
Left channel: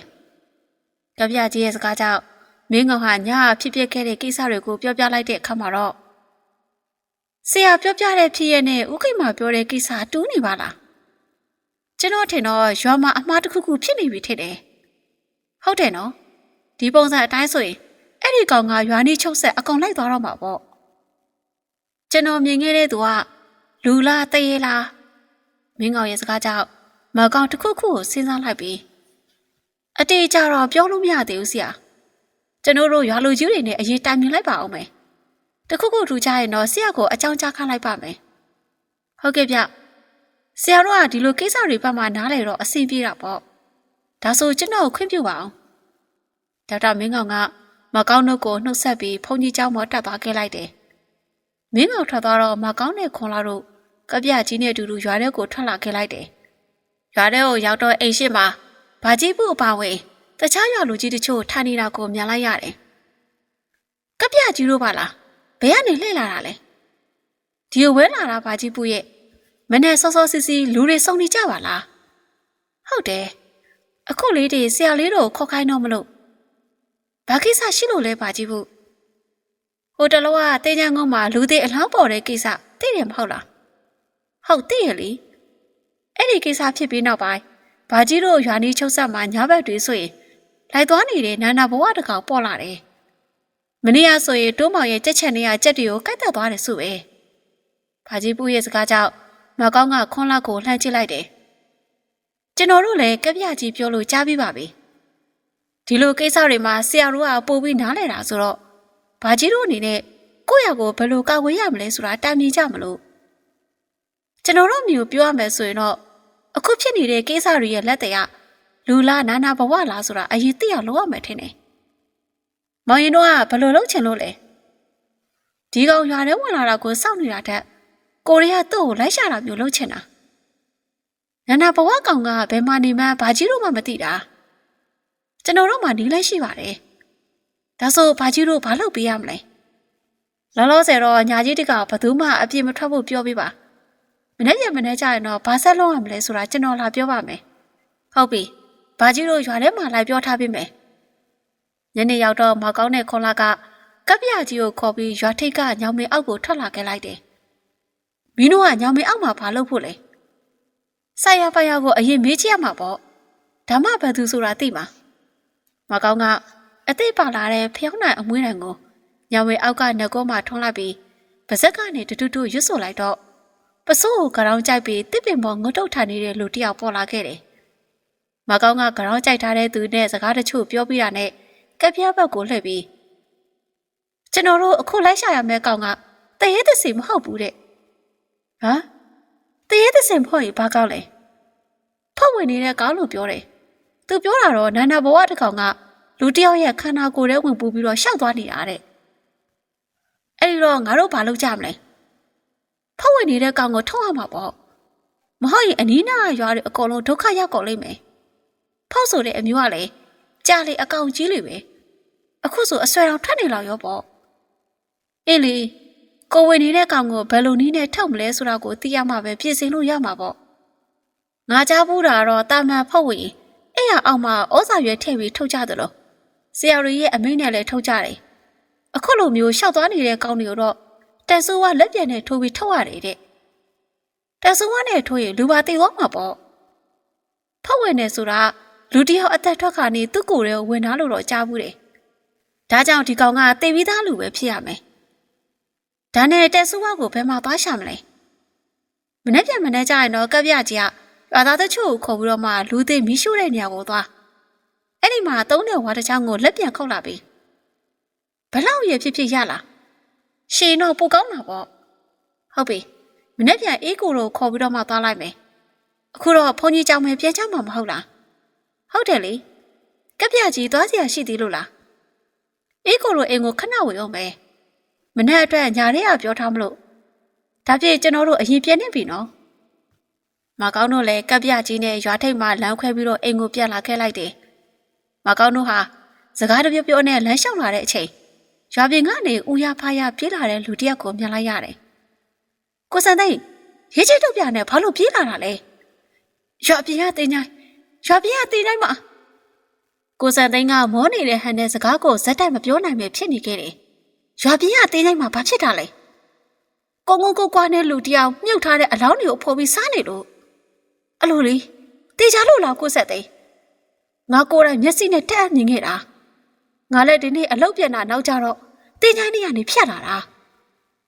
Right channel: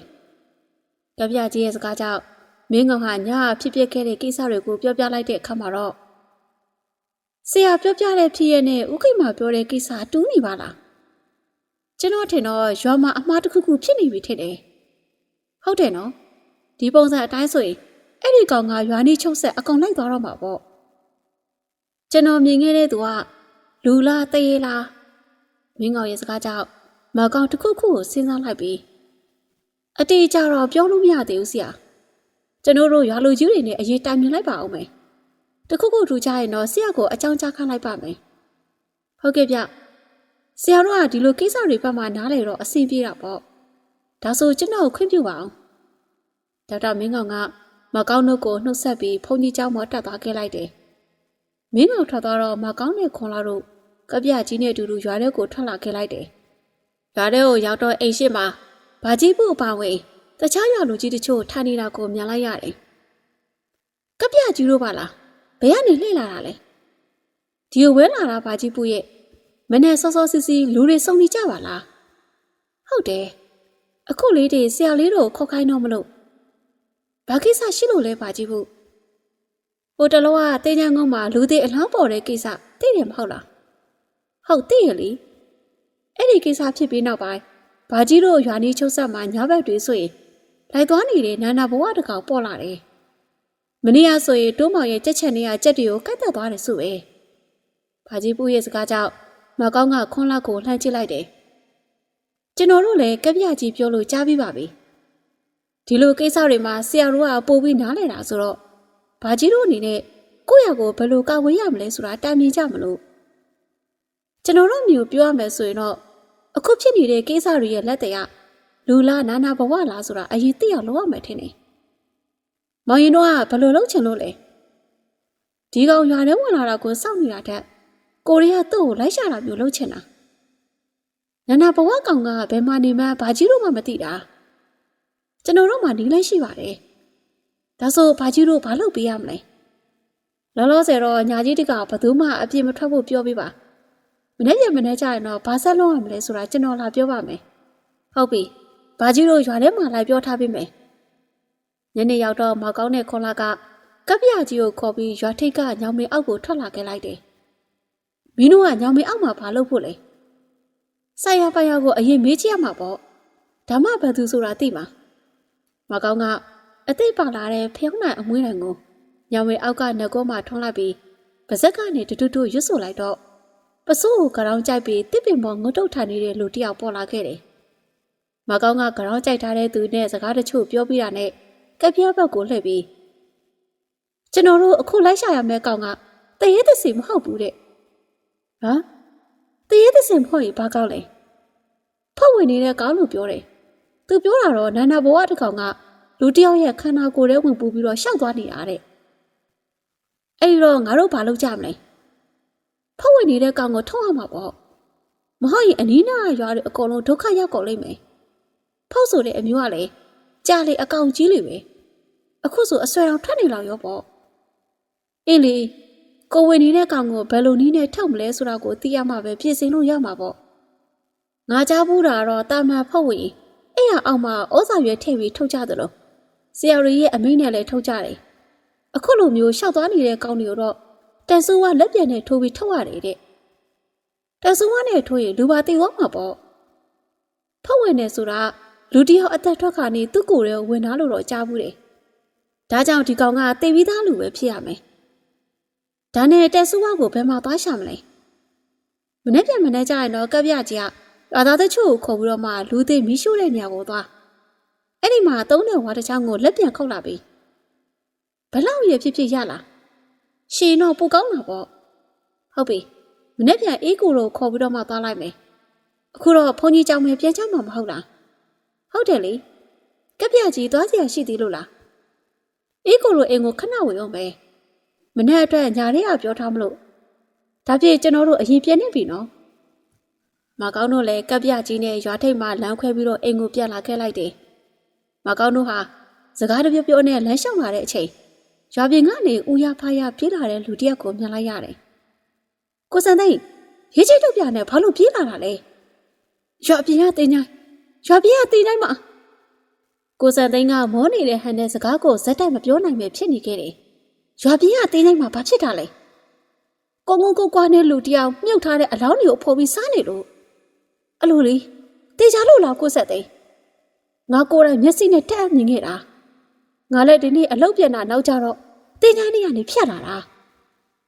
။ကြပြကြီးရဲ့စကားကြောင့်မင်းကောင်ဟာညာဖြစ်ဖြစ်ခဲ့တဲ့ကိစ္စတွေကိုပြောပြလိုက်တဲ့အခါမှာတော့ဆရာပြောပြတဲ့ဖြစ်ရနဲ့ဥခိတ်မှာပြောတဲ့ကိစ္စတူးနေပါလား။ကျွန်တော်ထင်တော့ရွာမှာအမှားတစ်ခုခုဖြစ်နေပြီထင်တယ်။ဟုတ်တယ်နော်။ဒီပုံစံအတိုင်းဆိုရင် အဲ့ဒီကောင်ကရွာနီးချုပ်ဆက်အကောင်လိုက်သွားတော့မှာပေါ့။ကျွန်တော်မြင်ခဲ့တဲ့သူကလူလားတရေလားမင်းကောင်ရဲ့စကားကြောင့်မကောင်တစ်ခုခုကိုစဉ်းစားလိုက်ပြီးအတေးကြတော့ပြောလို့မရသေးဘူးဆရာကျွန်တော်တို့ရွာလူကြီးတွေနဲ့အရေးတိုင်မြင်လိုက်ပါအောင်မယ်တခုခုထူကြရင်တော့ဆရာကိုအကြောင်းကြားခလိုက်ပါမယ်ဟုတ်ကဲ့ဗျဆရာတို့ကဒီလိုကိစ္စတွေဘက်မှာနားလေတော့အဆင်ပြေတာပေါ့ဒါဆိုကျွန်တော်ကိုခွင့်ပြုပါအောင်ဒေါက်တာမင်းကောင်က မကောင်းနှုတ်ကိုနှုတ်ဆက်ပြီးဘုန်းကြီးကျောင်းမှာတက်သွားခဲ့လိုက်တယ်။မင်းမောင်ထွက်သွားတော့မကောင်းတဲ့ခွန်လာတို့ကပြကြီးနဲ့အတူတူရွာထဲကိုထွက်လာခဲ့လိုက်တယ်။ရွာထဲကိုရောက်တော့အိမ်ရှိမှာဘာကြီးဖို့အပါဝဲတခြားရွာလူကြီးတချို့ထိုင်နေတာကိုမြင်လိုက်ရတယ်။ကပြကြီးတို့ပါလားဘယ်ကနေလှည့်လာတာလဲ။ဒီကိုဝဲလာတာဘာကြီးပူရဲ့မနဲ့စောစောစီစီလူတွေစုံနေကြပါလား။ဟုတ်တယ်။အခုလေးတွေဆရာလေးတို့ခေါ်ခိုင်းတော့မလို့ ဘာကိစ္စရှိလို့လဲဗာကြီးဘူး။ဟိုတလောကတေးချမ်းကုန်းမှာလူသေးအလောင်းပေါ်တဲ့ကိစ္စသိတယ်မဟုတ်လားဟုတ်သိရလေအဲ့ဒီကိစ္စဖြစ်ပြီးနောက်ပိုင်းဘာကြီးတို့ရွာနေချုပ်ဆက်မှာညဘက်တွေဆိုရင်လိုက်သွားနေတဲ့နာနာဘဝတကောင်ပေါ်လာတယ်မနေ့ကဆိုရင်တိုးမောင်ရဲ့ကြက်ချန်တွေကကြက်တွေကိုကိုက်တက်သွားတယ်ဆိုပဲဘာကြီးပူရဲ့စကားကြောင့်မကောင်းကခွန်းလောက်ကိုလှမ်းကြည့်လိုက်တယ်ကျွန်တော်တို့လည်းကပြကြီးပြောလို့ကြားပြီးပါပြီ ဒီလိုကိစ္စတွေမှာဆရာတို့ကပို့ပြီးနားလဲတာဆိုတော့ဘာကြီးတို့အနေနဲ့ကိုယ့်ရကိုဘယ်လိုကာဝေးရမလဲဆိုတာတာမြင်ကြမလို့ကျွန်တော်တို့မျိုးပြောရမယ်ဆိုရင်တော့အခုဖြစ်နေတဲ့ကိစ္စတွေရဲ့လက်တရားလူလားနာနာဘဝလားဆိုတာအရင်သိရလို့ရမယ်ထင်တယ်။မောင်ရင်တို့ကဘယ်လိုလုပ်ချင်လို့လဲ။ဒီကောင်ရွာထဲဝင်လာတာကိုစောင့်နေတာတက်ကိုရီးယားသူ့ကိုလိုက်ရှာတာမျိုးလုပ်ချင်တာ။နာနာဘဝကောင်ကဘယ်မှာနေမှဘာကြီးတို့မှမသိတာ။ ကျွန်တော်တို့မှနေလဲရှိပါတယ်။ဒါဆိုဘာကြီးတို့ဘာလုပ်ပေးရမလဲ။လောလောဆယ်တော့ညာကြီးတကဘသူမှအပြစ်မထွက်ဖို့ပြောပေးပါ။မနေ့ကမနေ့ကျရင်တော့ဘာဆက်လုံးရမလဲဆိုတာကျွန်တော်လာပြောပါမယ်ဟုတ်ပြီဘာကြီးတို့ရွာထဲမှာလိုက်ပြောထားပေးမယ်ညနေရောက်တော့မကောင်းတဲ့ခွန်လာကကပ်ပြကြီးကိုခေါ်ပြီးရွာထိပ်ကညောင်မင်းအောက်ကိုထွက်လာခဲ့လိုက်တယ်မင်းတို့ကညောင်မင်းအောက်မှာဘာလုပ်ဖို့လဲဆိုင်ရပိုင်ရကိုအရင်မေးချရမှာပေါ့ဓမ္မဘသူဆိုတာသိမှာ မကောင်းကအသိပါလာတဲ့ဖျောင်းနိုင်အမွှေးတံကိုညောင်မင်းအောက်ကငကောမှထွန်းလိုက်ပြီးပါဇက်ကနေတူတူတူရွတ်ဆိုလိုက်တော့ပစိုးကိုကြောင်ကြိုက်ပြီးတစ်ပင်ပေါ်ငုတ်တုတ်ထနေတဲ့လူတစ်ယောက်ပေါ်လာခဲ့တယ်မကောင်းကကြောင်ကြိုက်ထားတဲ့သူနဲ့စကားတချို့ပြောပြတာနဲ့ကက်ပြားဘက်ကိုလှည့်ပြီးကျွန်တော်တို့အခုလိုက်ရှာရမယ့်ကောင်ကတရေသစီမဟုတ်ဘူးတဲ့ဟမ်တရေသစင်ဖို့ရင်ဘာကောက်လဲဖောက်ဝင်နေတဲ့ကောင်လို့ပြောတယ် သူပြောတာတော့နာနာဘဝတစ်ကောင်ကလူတစ်ယောက်ရဲ့ခန္ဓာကိုယ်ထဲဝင်ပူပြီးတော့ရှောက်သွားနေတာတဲ့အဲ့ဒီတော့ငါတို့ဘာလုပ်ကြမလဲဖောက်ဝင်နေတဲ့ကောင်ကိုထုတ်အောင်မှာပေါ့မဟုတ်ရင်အနီးနားရွာတွေအကုန်လုံးဒုက္ခရောက်ကုန်လိမ့်မယ်ဖောက်ဆိုတဲ့အမျိုးကလည်းကြာလေအကောင်ကြီးလေပဲအခုဆိုအဆွဲတော်ထွက်နေလောက်ရောပေါ့အေးလေကိုဝင်နေတဲ့ကောင်ကိုဘယ်လိုနည်းနဲ့ထုတ်မလဲဆိုတာကိုသိရမှာပဲပြင်ဆင်လို့ရမှာပေါ့ငါကြားဘူးတာကတော့တာမန်ဖောက်ဝင် အဲ့ရအောင်မှာဩဇာရွယ်ထည့်ပြီးထုတ်ကြသလိုဆရာတွေရဲ့အမိန့်နဲ့လည်းထုတ်ကြတယ်အခုလိုမျိုးရှောက်သွားနေတဲ့ကောင်တွေကိုတော့တန်ဆူကလက်ပြန်နဲ့ထိုးပြီးထုတ်ရတယ်တဲ့တန်ဆူကနဲ့ထိုးရင်လူပါတည်သွားမှာပေါ့ဖောက်ဝင်နေဆိုတာလူတစ်ယောက်အသက်ထွက်ခါနေသူ့ကိုယ်ရဲ့ဝင်သားလို့တော့ကြားဘူးတယ်ဒါကြောင့်ဒီကောင်ကတည်ပြီးသားလူပဲဖြစ်ရမယ်ဒါနဲ့တက်ဆူဝါကိုဘယ်မှာသွားရှာမလဲမနေ့ပြန်မနေ့ကျရင်တော့ကပ်ပြကြီးက ရွာသားတချို့ကိုခေါ်ပြီးတော့မှလူသေးမီးရှို့တဲ့နေရာကိုသွားအဲ့ဒီမှာသုံးတဲ့ဝါတစ်ချောင်းကိုလက်ပြန်ခုတ်လာပြီးဘလောက်ရဖြစ်ဖြစ်ရလားရှည်တော့ပူကောင်းတာပေါ့ဟုတ်ပြီမနေ့ပြန်အေးကိုလိုခေါ်ပြီးတော့မှသွားလိုက်မယ်အခုတော့ဘုန်းကြီးကြောင်မယ်ပြန်ချမှာမဟုတ်လားဟုတ်တယ်လေကပ်ပြကြီးသွားစရာရှိသေးလို့လားအေးကိုလိုအိမ်ကိုခဏဝင်အောင်မယ်မနေ့အတွက်ညာရဲရပြောထားမလို့ဒါပြည့်ကျွန်တော်တို့အရင်ပြည့်နေပြီနော် မကောင်းတို့လည်းကပ်ပြကြီးနဲ့ရွာထိပ်မှာလမ်းခွဲပြီးတော့အိမ်ကိုပြန်လာခဲ့လိုက်တယ်မကောင်းတို့ဟာစကားတပြောပြောနဲ့လမ်းလျှောက်လာတဲ့အချိန်ရွာပြင်ကနေဦးရဖားရပြေးလာတဲ့လူတစ်ယောက်ကိုမြင်လိုက်ရတယ်ကိုစံသိန်းရေးချစ်တို့ပြနဲ့ဘာလို့ပြေးလာတာလဲရွာပြင်ကတင်ချိုင်းရွာပြင်ကတင်ချိုင်းမှာကိုစံသိန်းကမောနေတဲ့ဟန်တဲ့စကားကိုဇက်တိုက်မပြောနိုင်ပဲဖြစ်နေခဲ့တယ်ရွာပြည်ကတင်းတိုင်းမှာဘာဖြစ်တာလဲကုန်းကုန်းကိုကွာနဲ့လူတယောက်မြုပ်ထားတဲ့အလောင်းတွေကိုဖော်ပြီးစားနေလို့ အလိုလေတေချာလို့လားကိုဆက်သိန်းငါကိုယ်တိုင်မျက်စိနဲ့တက်အမြင်ခဲ့တာငါလည်းဒီနေ့အလုပ်ပြန်တာနောက်ကြတော့တင်းချိုင်းနေရနေဖြတ်လာတာ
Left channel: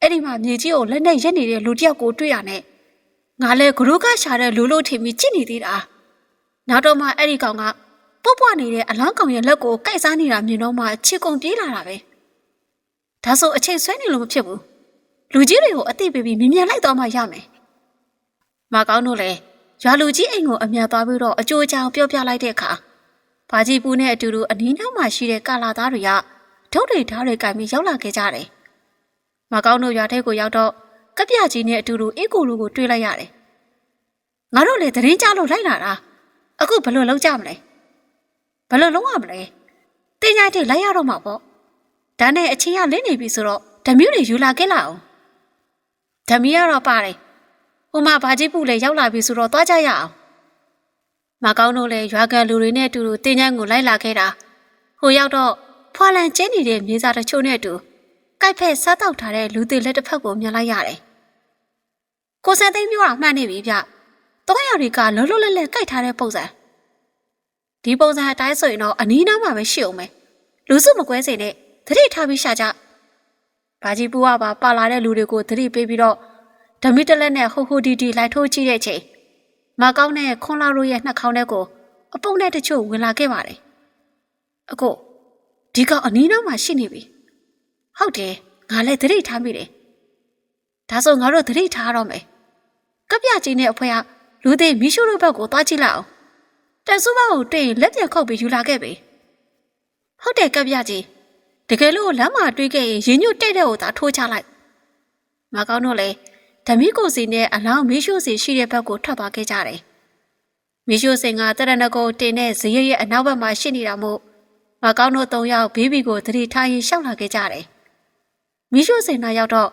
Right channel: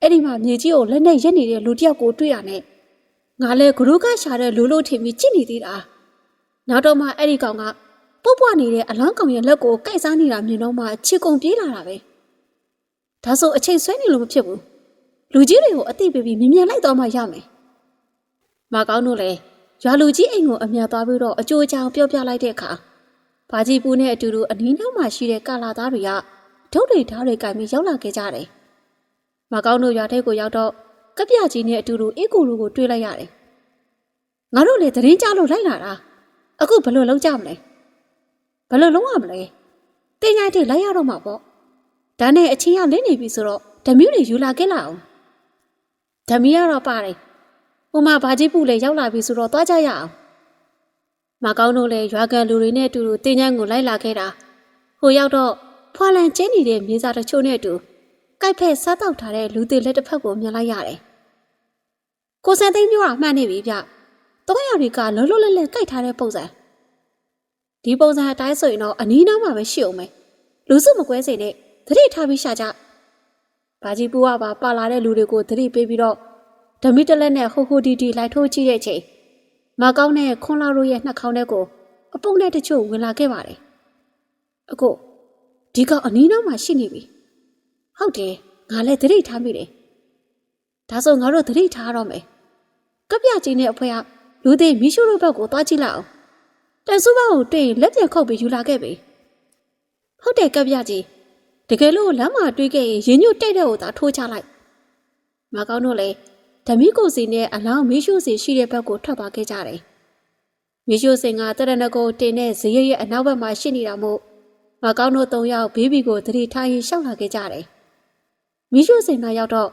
အဲ့ဒီမှာမြေကြီးကိုလက်နဲ့ရက်နေတဲ့လူတယောက်ကိုတွေ့ရနဲ့ငါလည်းဂရုကရှာတဲ့လူလို့ထင်ပြီးကြည့်နေသေးတာနောက်တော့မှအဲ့ဒီကောင်ကပုတ်ပွားနေတဲ့အလောင်းကောင်ရဲ့လက်ကိုကိုက်စားနေတာမြင်တော့မှချီကုံပြေးလာတာပဲဒါဆိုအချိန်ဆွဲနေလို့မဖြစ်ဘူးလူကြီးတွေကိုအသိပေးပြီးမြင်မြန်လိုက်တော့မှရမယ်မကောင်းတို့လည်း ရွာလူကြီးအိမ်ကိုအမြန်သွားပြီးတော့အကျိုးအကြောင်းပြောပြလိုက်တဲ့အခါဘာကြီးပူနဲ့အတူတူအနည်းနောက်မှရှိတဲ့ကာလာသားတွေကဒုတ်တွေဓာတ်တွေကင်ပြီးရောက်လာခဲ့ကြတယ်မကောင်းတို့ရွာထဲကိုရောက်တော့ကပြကြီးနဲ့အတူတူအေးကိုလူကိုတွေ့လိုက်ရတယ်ငါတို့လည်းတရင်ကြလို့လိုက်လာတာအခုဘယ်လိုလုပ်ကြမလဲဘယ်လိုလုပ်ရမလဲတင်ညာတိလိုက်ရတော့မှာပေါ့ဒါနဲ့အချင်းကလင်းနေပြီဆိုတော့ဓမြူးတွေယူလာခဲ့လာအောင်ဓမီကတော့ပါတယ် ဟိုမှာဘာကြီးပူလည်းရောက်လာပြီဆိုတော့သွားကြရအောင်မကောင်းတို့လည်းရွာကန်လူတွေနဲ့အတူတူတင်းချမ်းကိုလိုက်လာခဲ့တာဟိုရောက်တော့ဖွာလန်ကျင်းနေတဲ့မြေစာတချို့နဲ့အတူကြိုက်ဖက်စားတောက်ထားတဲ့လူသေးလက်တစ်ဖက်ကိုမြင်လိုက်ရတယ်ကိုစံသိန်းပြောတာမှန်နေပြီဗျတော့ရတွေကလုံးလုံးလဲလဲကြိုက်ထားတဲ့ပုံစံဒီပုံစံအတိုင်းဆိုရင်တော့အနီးနားမှာပဲရှိအောင်မယ်လူစုမကွဲစေနဲ့သတိထားပြီးရှာကြ။ဘာကြီးပူကပါပါလာတဲ့လူတွေကိုသတိပေးပြီးတော့ ဓမီတလက်နဲ့ဟိုဟိုဒီဒီလိုက်ထိုးကြည့်တဲ့ချိန်မကောင်းတဲ့ခွန်လာတို့ရဲ့နှာခေါင်းထဲကိုအပုပ်နဲ့တချို့ဝင်လာခဲ့ပါတယ်။အခုဒီကောင်အနီးနားမှာရှိနေပြီ။ဟုတ်တယ်ငါလည်းသတိထားမိတယ်။ဒါဆိုငါတို့သတိထားတော့မယ်။ကပ်ပြကြီးနဲ့အဖွဲကလူသေးမီရှုတို့ဘက်ကိုသွားကြည့်လိုက်အောင်။တန်စုဘက်ကိုတွေ့ရင်လက်ပြန်ခုတ်ပြီးယူလာခဲ့ပြီ။ဟုတ်တယ်ကပ်ပြကြီး။တကယ်လို့လမ်းမှာတွေးခဲ့ရင်ရင်ညွတ်တဲ့တဲ့ကိုသာထိုးချလိုက်မကောင်းတော့လေ ဓမီကိုစီနဲ့အလောင်းမီးရှို့စီရှိတဲ့ဘက်ကိုထွက်သွားခဲ့ကြတယ်မီးရှို့စင်ကတရဏဂုံတင်တဲ့ဇရက်ရဲ့အနောက်ဘက်မှာရှိနေတာမို့မကောင်းတို့သုံးယောက်ဘေးဘီကိုသတိထားရင်ရှောက်လာခဲ့ကြတယ်မီးရှို့စင်နာရောက်တော့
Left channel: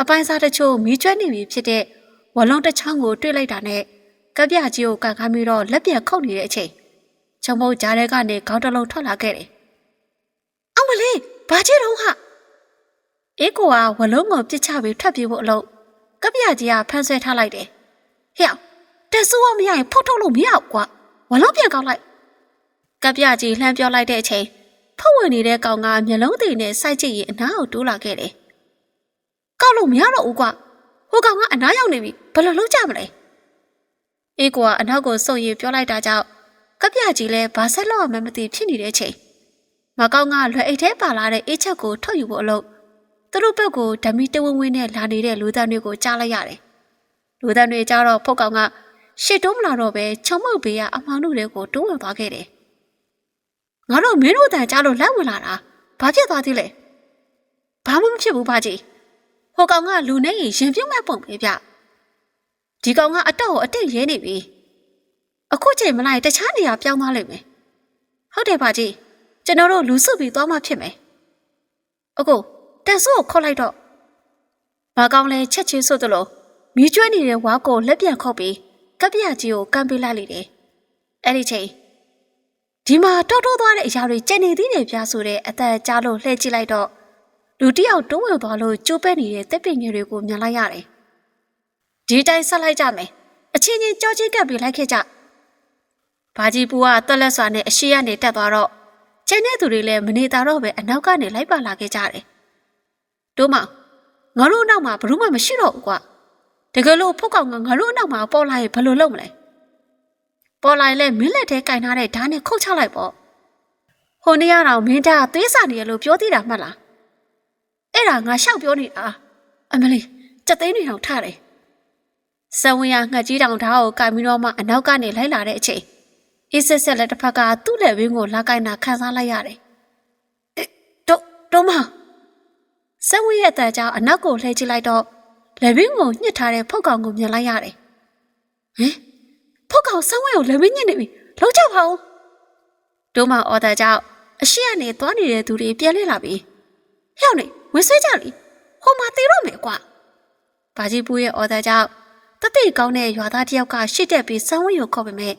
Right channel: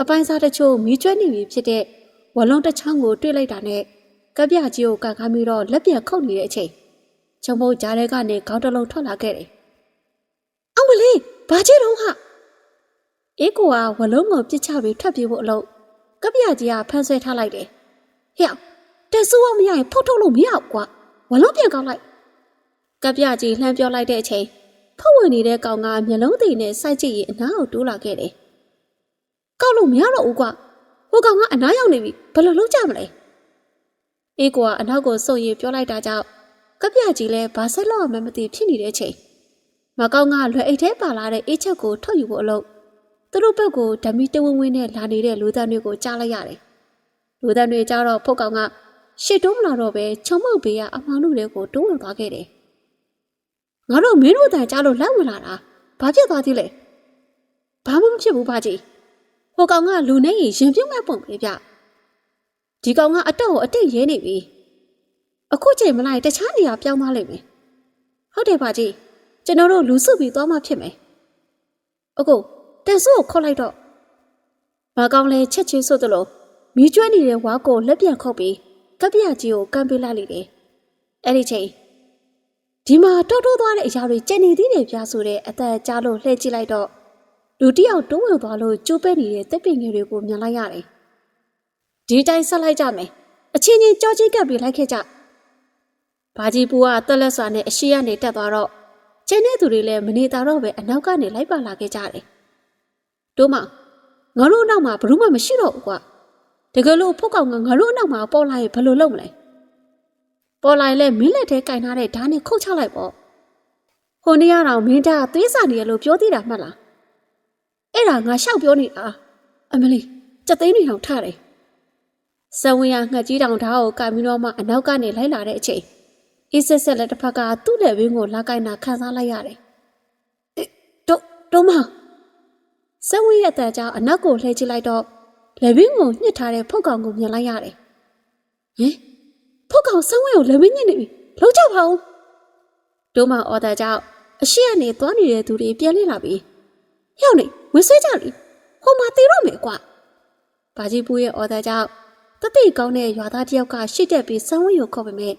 အပိုင်းစားတချို့မီးကျွမ်းနေပြီဖြစ်တဲ့ဝလုံးတစ်ချောင်းကိုတွေ့လိုက်တာနဲ့ကပြကြီးကိုကန်ခမ်းပြီးတော့လက်ပြန်ခုတ်နေတဲ့အချိန်ချုံမုတ်ကြားထဲကနေခေါင်းတစ်လုံးထွက်လာခဲ့တယ်အောင်မလေးဘာကြည့်တော့ဟာအေးကိုကဝလုံးကိုပြစ်ချပြီးထွက်ပြေးဖို့အလို့ ကပြကြီးကဖမ်းဆွဲထားလိုက်တယ်ဟဲ့တက်ဆူကမရရင်ဖုတ်ထုတ်လို့မရဘူးကွာဝလုံးပြန်ကောက်လိုက်ကပြကြီးလှမ်းပြောလိုက်တဲ့အချိန်ဖုတ်ဝင်နေတဲ့ကောင်ကမျက်လုံးသေးနဲ့စိုက်ကြည့်ရင်အနားကိုတိုးလာခဲ့တယ်ကောက်လို့မရတော့ဘူးကွာဟိုကောင်ကအနားရောက်နေပြီဘယ်လိုလုပ်ကြမလဲအေးကိုကအနောက်ကိုစုပ်ရည်ပြောလိုက်တာကြောင့်ကပြကြီးလည်းဘာဆက်လို့မှမသိဖြစ်နေတဲ့အချိန်မကောင်ကလွယ်အိတ်ထဲပါလာတဲ့အေးချက်ကိုထုတ်ယူဖို့အလို့ သူတို့ဘက်ကိုဓမီတဝင်းဝင်းနဲ့လာနေတဲ့လူသားတွေကိုကြားလိုက်ရတယ်လူသားတွေကြားတော့ဖုတ်ကောင်ကရှစ်တုံးမလာတော့ပဲချုံမုတ်ဘေးကအမောင်တို့တွေကိုတွန်းဝင်သွားခဲ့တယ်ငါတို့မင်းတို့တန်ကြားလို့လက်ဝင်လာတာဘာဖြစ်သွားသေးလဲဘာမှမဖြစ်ဘူးပါကြီးဟိုကောင်ကလူနဲ့ရင်ပြုတ်မဲ့ပုံပဲဗျဒီကောင်ကအတော့ကိုအတိတ်ရဲနေပြီအခုချိန်မလိုက်တခြားနေရာပြောင်းသွားလိမ့်မယ်ဟုတ်တယ်ပါကြီးကျွန်တော်တို့လူစုပြီးသွားမှဖြစ်မယ်အခု တန်ဆိုးကိုခေါ်လိုက်တော့မကောင်လဲချက်ချင်းဆိုသလိုမီးကျွေးနေတဲ့ဝါကိုလက်ပြန်ခုတ်ပြီးကပ်ပြကြီးကိုကမ်းပေးလိုက်လိမ့်တယ်အဲ့ဒီချိန်ဒီမှာတောက်တိုးသွားတဲ့အရာတွေကျန်နေသေးတယ်ပြဆိုတဲ့အသက်ကြားလို့လှည့်ကြည့်လိုက်တော့လူတစ်ယောက်တိုးဝင်သွားလို့ကျိုးပဲနေတဲ့တစ်ပင်ငယ်တွေကိုမြင်လိုက်ရတယ်ဒီတိုင်းဆက်လိုက်ကြမယ်အချင်းချင်းကြောချင်းကပ်ပြီးလိုက်ခဲ့ကြဘာကြီးပူကတက်လက်စွာနဲ့အရှိရနေတက်သွားတော့ကျန်တဲ့သူတွေလည်းမနေတာတော့ပဲအနောက်ကနေလိုက်ပါလာခဲ့ကြတယ် တို့မငါတို့အနောက်မှာဘယ်သူမှမရှိတော့ဘူးကွာတကယ်လို့ဖုတ်ကောင်ကငါတို့အနောက်မှာပေါ်လာရင်ဘယ်လိုလုပ်မလဲပေါ်လာရင်လည်းမင်းလက်ထဲကင်ထားတဲ့ဓာတ်နဲ့ခုတ်ချလိုက်ပေါ့ဟိုနေ့ကတော့မင်းသားသွေးစာနေရလို့ပြောသေးတာမှတ်လားအဲ့ဒါငါရှောက်ပြောနေတာအမလေးစက်သိန်းတွေတော့ထားတယ်ဆဝင်းရငှက်ကြီးတောင်ဓာတ်ကိုကင်ပြီးတော့မှအနောက်ကနေလိုက်လာတဲ့အချိန်အစ်ဆက်ဆက်လက်တစ်ဖက်ကသူ့လက်ဝင်းကိုလာကင်တာခန်းစားလိုက်ရတယ်တို့တို့မ ဆဝင်းရဲ့အတန်ကြောင့်အနောက်ကိုလှည့်ကြည့်လိုက်တော့လက်ဝင်းကိုညှစ်ထားတဲ့ဖုတ်ကောင်ကိုမြင်လိုက်ရတယ်ဟင်ဖုတ်ကောင်ဆဝင်းကိုလက်ဝင်းညှစ်နေပြီလုံးချပါဦးတို့မအော်တာကြောင့်အရှိကနေသွားနေတဲ့သူတွေပြန်လဲလာပြီဟဲ့နေဝစ်ဆွဲကြလိဟိုမှာတေတော့မယ်ကွာဘာကြီးပူရဲ့အော်တာကြောင့်တတိတ်ကောင်းတဲ့ရွာသားတယောက်ကရှစ်တက်ပြီးဆဝင်းကိုခေါ်ပေမဲ့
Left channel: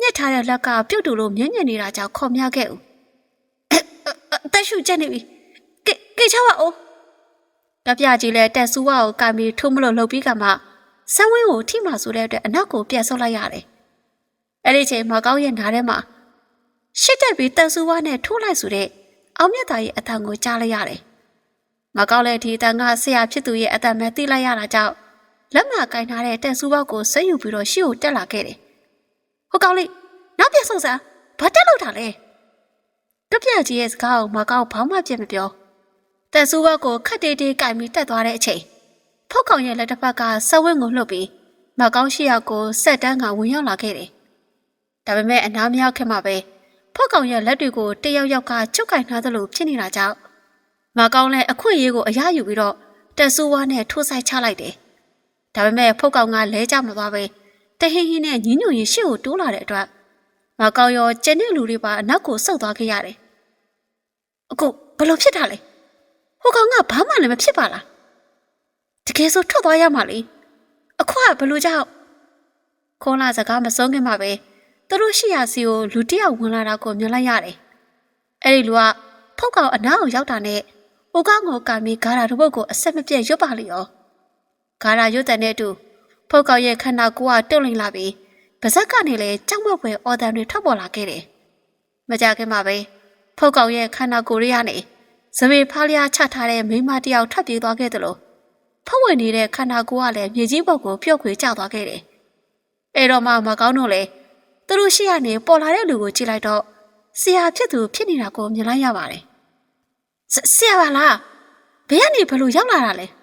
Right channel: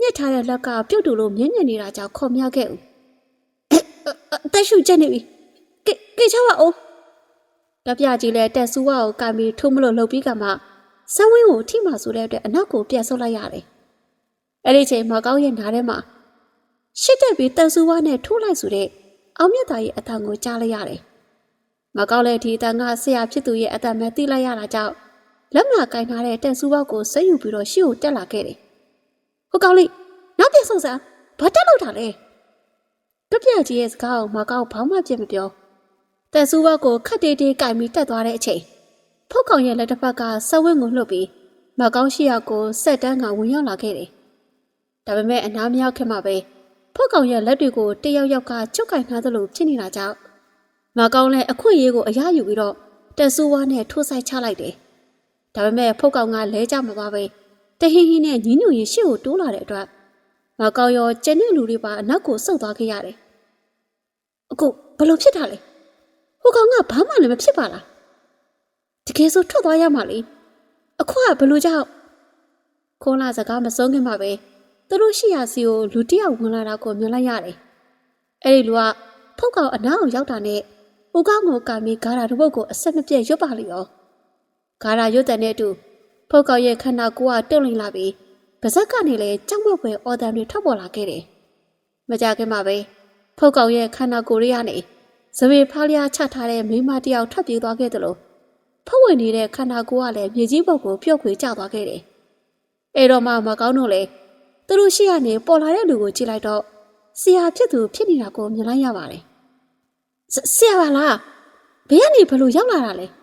ညှက်ထားတဲ့လက်ကပြုတ်တူလို့မြင့်မြင့်နေတာကြောင့်ခေါ်မြခဲ့ဦးအသက်ရှူကျနေပြီကေကေချပါဦး တပြကြီးလဲတက်ဆူဝါကိုကင်ပြီးထုံးမလို့လှုပ်ပြီးကမှဆန်းဝင်းကိုထိမှဆိုတဲ့အတွက်အနောက်ကိုပြန်ဆုပ်လိုက်ရတယ်အဲ့ဒီချိန်မကောင်းရဲ့နားထဲမှာရှစ်တက်ပြီးတန်ဆူဝါနဲ့ထိုးလိုက်ဆိုတဲ့အောင်မြတ်သားရဲ့အတန်ကိုကြားလိုက်ရတယ်မကောင်းတဲ့ဒီအတန်ကဆရာဖြစ်သူရဲ့အတန်ပဲသိလိုက်ရတာကြောင့်လက်မကင်ထားတဲ့တက်ဆူဝါကိုဆက်ယူပြီးတော့ရှေ့ကိုတက်လာခဲ့တယ်ဟိုကောင်လေးနောက်ပြန်ဆုံးစားဘာတက်လို့တာလဲတပြက်ကြီးရဲ့စကားကိုမကောင်းဘာမှပြစ်မပြော တက်ဆူဘက်ကိုခက်တေးတေးကင်ပြီးတက်သွားတဲ့အချိန်ဖောက်ကောင်ရဲ့လက်တစ်ဖက်ကဆက်ဝင်းကိုလှုပ်ပြီးမကောင်းရှိရကိုဆက်တန်းကဝင်ရောက်လာခဲ့တယ်ဒါပေမဲ့အနားမရောက်ခင်မှာပဲဖောက်ကောင်ရဲ့လက်တွေကိုတယောက်ယောက်ကချုပ်ကင်ထားသလိုဖြစ်နေတာကြောင့်မကောင်းလည်းအခွင့်အရေးကိုအရယူပြီးတော့တက်ဆူဝါနဲ့ထိုးဆိုင်ချလိုက်တယ်ဒါပေမဲ့ဖုတ်ကောင်ကလဲကြမသွားပဲတဟီဟီနဲ့ညင်းညွန်ရင်ရှေ့ကိုတိုးလာတဲ့အတွက်မကောင်းရောကျန်တဲ့လူတွေပါအနောက်ကိုဆုတ်သွားခဲ့ရတယ်။အခုဘယ်လိုဖြစ်တာလဲ။ ဟိုကောင်ကဘာမှလည်းမဖြစ်ပါလား။တကယ်ဆိုထွက်သွားရမှာလေ။အခုကဘယ်လိုကြောင့်ခေါလာစကားမဆုံးခင်မှာပဲသူတို့ရှိရာစီကိုလူတစ်ယောက်ဝင်လာတာကိုမြင်လိုက်ရတယ်။အဲ့ဒီလူကဖုတ်ကောင်အနားကိုရောက်တာနဲ့ဟိုကောင်ကိုကမီဂါရာတို့ဘုတ်ကိုအဆက်မပြတ်ရွတ်ပါလိရော။ဂါရာရွတ်တဲ့အတူဖုတ်ကောင်ရဲ့ခန္ဓာကိုယ်ကတုတ်လိမ့်လာပြီးပါဇက်ကနေလည်းကြောက်မွက်ဖွယ်အော်တန်တွေထွက်ပေါ်လာခဲ့တယ်။မကြခင်မှာပဲဖုတ်ကောင်ရဲ့ခန္ဓာကိုယ်တွေကနေ ဇမေဖားလျားချထားတဲ့မိမတယောက်ထွက်ပြေးသွားခဲ့သလိုဖုတ်ဝင်နေတဲ့ခန္ဓာကိုယ်ကလည်းမြေကြီးပုတ်ကိုပြုတ်ခွေကျသွားခဲ့တယ်။အဲတော့မှမကောင်းတော့လေသူတို့ရှိရနေပေါ်လာတဲ့လူကိုကြည့်လိုက်တော့ဆရာဖြစ်သူဖြစ်နေတာကိုမြင်လိုက်ရပါတယ်။ဆရာပါလားဘယ်ကနေဘလို့ရောက်လာတာလဲ။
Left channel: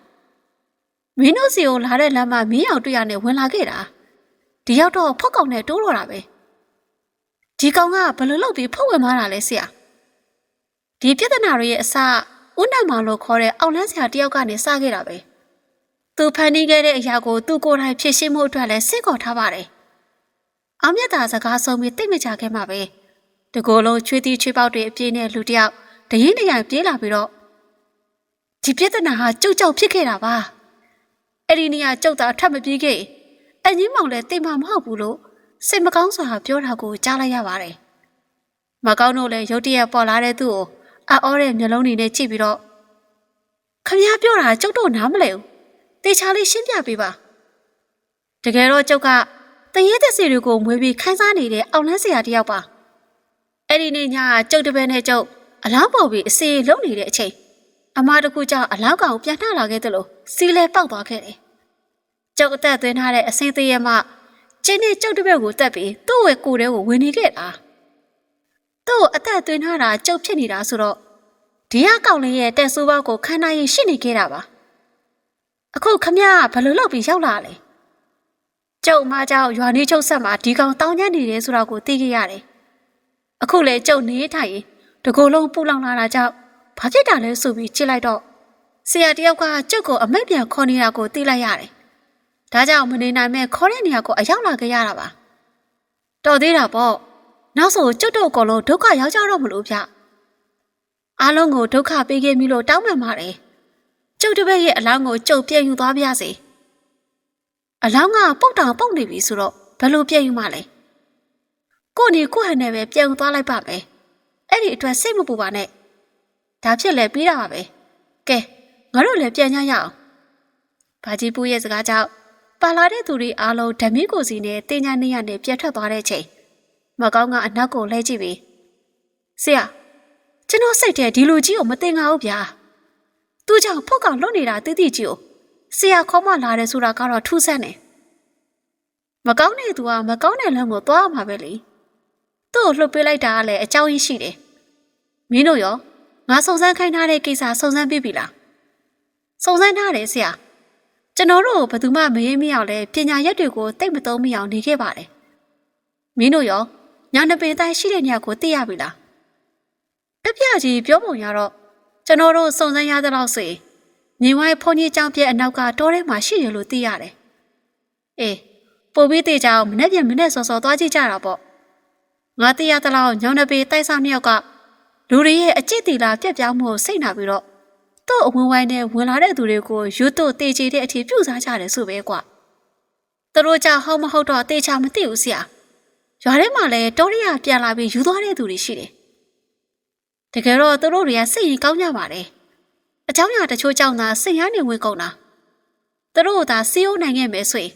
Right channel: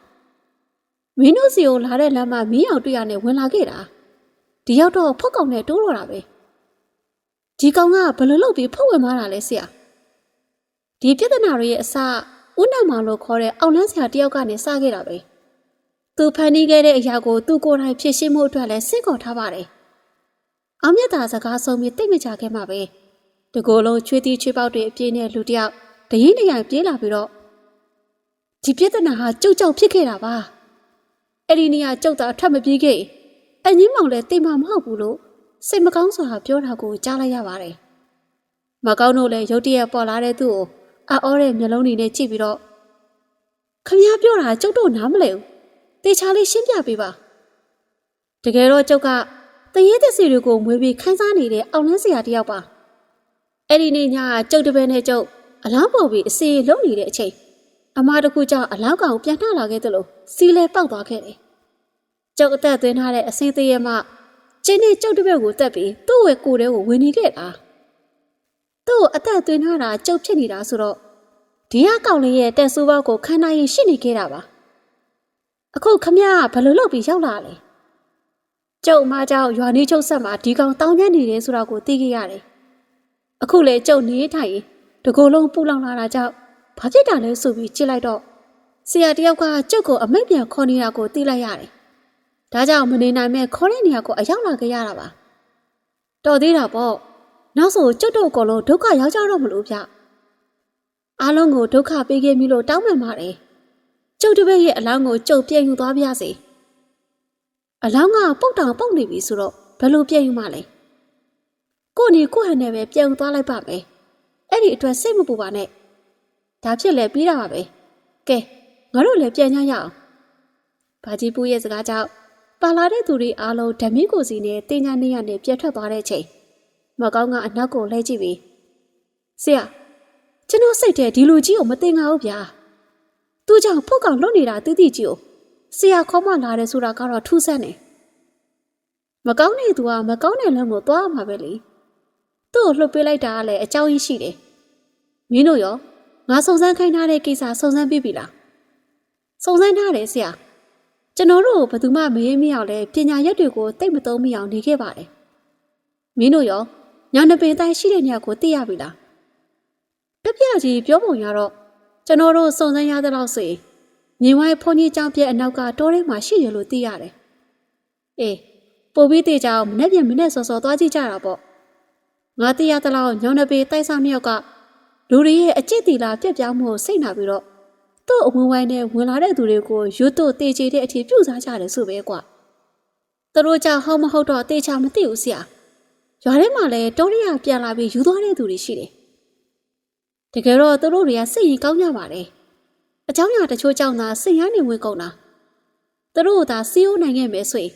မင်းတို့စီကိုလာတဲ့လမ်းမှာမင်းအောင်တွေ့ရနေဝင်လာခဲ့တာဒီရောက်တော့ဖုတ်ကောင်နဲ့တိုးတော့တာပဲဒီကောင်ကဘယ်လိုလုပ်ပြီးဖုတ်ဝင်သွားတာလဲဆရာ ဒီပြဿနာတွေရဲ့အစဦးနတ်မောင်လို့ခေါ်တဲ့အောင်လန်းဆရာတယောက်ကနေစခဲ့တာပဲသူဖန်တီးခဲ့တဲ့အရာကိုသူကိုယ်တိုင်ဖြည့်ရှင်းမှုအတွက်လည်းစိတ်ခေါ်ထားပါတယ်အောင်မြတ်သာစကားဆုံးပြီးတိတ်မကြခဲ့မှာပဲတကိုယ်လုံးချွေးတီးချွေးပေါက်တွေအပြင်းနဲ့လူတယောက်တရင်တရိုင်ပြေးလာပြီးတော့ဒီပြဿနာဟာကြုတ်ကြောက်ဖြစ်ခဲ့တာပါအဲ့ဒီနေရာကြုတ်တာထပ်မပြေးခဲ့အငင်းမောင်လည်းတိမ်မမဟုတ်ဘူးလို့စိတ်မကောင်းစွာပြောတာကိုကြားလိုက်ရပါတယ်။မကောင်းတို့လည်းရုတ်တရက်ပေါ်လာတဲ့သူ့ကို အော်တဲ့မျက်လုံးတွေနဲ့ကြည့်ပြီးတော့ခမည်းပြောတာကျုပ်တို့နားမလဲဘူးတေချာလေးရှင်းပြပေးပါတကယ်တော့ကျုပ်ကတရေသက်စီတွေကိုမွေးပြီးခန်းစားနေတဲ့အောင်လန်းစရာတယောက်ပါအဲ့ဒီနေ့ညကကျုပ်တပည့်နဲ့ကျုပ်အလောင်းပေါ်ပြီးအစီလုံးနေတဲ့အချိန်အမတကူကြောင့်အလောင်းကောင်ပြန်နှလာခဲ့တယ်လို့စီလဲပေါက်သွားခဲ့တယ်ကျုပ်အသက်သွင်းထားတဲ့အစင်းသေးရဲ့မှကျင်းနေကျုပ်တပည့်ကိုတက်ပြီးသူ့ရဲ့ကိုယ်ထဲကိုဝင်နေခဲ့တာ သူ့ကိုအသက်သွင်းထားတာကျုပ်ဖြစ်နေတာဆိုတော့ဒီအကောင်လေးရဲ့တက်ဆိုးဘောက်ကိုခန္ဓာရင်ရှိနေခဲ့တာပါအခုခမရဘယ်လိုလုပ်ပြီးရောက်လာလဲကျုပ်အမကြောင့်ရွာနေချုပ်ဆက်မှာဒီကောင်တောင်းညံ့နေတယ်ဆိုတာကိုသိခဲ့ရတယ်အခုလေကျုပ်နေထိုင်ရင်တကူလုံးပူလောင်လာတာကြောင့်ဘာဖြစ်တာလဲဆိုပြီးကြည့်လိုက်တော့ဆရာတယောက်ကကျုပ်ကိုအမိတ်ပြန်ခေါ်နေတာကိုသိလိုက်ရတယ်ဒါကြောင့်မနေနိုင်မဲ့ခေါ်တဲ့နေရာကိုအရောက်လာခဲ့ရတာပါတော်သေးတာပေါ့ နောက်ဆိုကျုပ်တို့အကုန်လုံးဒုက္ခရောက်ကြတော့မလို့ဗျအားလုံးကိုဒုက္ခပေးခဲ့ပြီလို့တောင်းပန်ပါတယ်ကျုပ်တစ်ပည့်ရဲ့အလောင်းကိုကျုပ်ပြည့်ယူသွားပါစေအလောင်းကပုတ်တောင်ပုတ်နေပြီဆိုတော့ဘယ်လိုပြည့်ယူမှလဲကိုနေကိုဟန်နဲ့ပဲပြည့်ယူသွားလိုက်ပါမယ်အဲ့ဒီအတွက်စိတ်မပူပါနဲ့ဒါဖြစ်လဲပြီးတာပါပဲကဲငါတို့လည်းပြန်ကြရအောင်ဘာကြီးပူရဲ့စကားကြောင့်ပါလာတဲ့သူတွေအားလုံးဓမီကိုစီနဲ့တင်ညာနေရနဲ့ပြတ်ထွက်သွားတဲ့ချိန် မကောင်းကအနက်ကိုလှည့်ကြည့်ပြီးဆရာကျွန်တော်စိတ်ထဲဒီလူကြီးကိုမတင်ငါဘူးဗျာသူကြောင့်ဖုတ်ကောင်လွတ်နေတာတိတိကြီးကိုဆရာခေါ်မလာတယ်ဆိုတာကတော့ထူးဆန်းတယ်မကောင်းတဲ့သူကမကောင်းတဲ့လမ်းကိုသွားမှာပဲလေသူ့ကိုလှုပ်ပေးလိုက်တာကလည်းအကြောင်းရင်းရှိတယ်မင်းတို့ရောငါစုံစမ်းခိုင်းထားတဲ့ကိစ္စစုံစမ်းပြီးပြီလားစုံစမ်းထားတယ်ဆရာကျွန်တော်တို့ဘယ်သူမှမရေးမရအောင်လဲပညာရက်တွေကိုတိတ်မသုံးမိအောင်နေခဲ့ပါတယ်မင်းတို့ရော ညောင်နှပင်တိုင်းရှိတဲ့နေရာကိုသိရပြီလားတပြကြီးပြောပုံရတော့ကျွန်တော်တို့စုံစမ်းရသလောက်ဆိုရင်မြေဝိုင်းဖုန်ကြီးကြောင်ပြဲအနောက်ကတောထဲမှာရှိရလို့သိရတယ်အေးပို့ပြီးတေချာအောင်မနေ့ပြန်မနေ့စောစောသွားကြည့်ကြတာပေါ့ငါသိရသလောက်ညောင်နှပင်တိုက်စားမြောက်ကလူတွေရဲ့အကြည့်တီလာပြက်ပြောင်းမှုကိုစိတ်နာပြီးတော့သူ့အဝင်ဝိုင်းနဲ့ဝင်လာတဲ့သူတွေကိုယူတုတေချေတဲ့အထိပြုတ်စားကြတယ်ဆိုပဲကွာသူတို့ကြောင့်ဟုတ်မဟုတ်တော့တေချာမသိဘူးဆရာ ရွာထဲမှာလည်းတောရိယာပြန်လာပြီးယူသွားတဲ့သူတွေရှိတယ်တကယ်တော့သူတို့တွေကစိတ်ရင်ကောင်းကြပါတယ်အเจ้าညာတချို့ကြောင့်သာစိတ်ရနေဝင်ကုန်တာသူတို့ကသာစီးအိုးနိုင်ခဲ့မယ်ဆိုရင်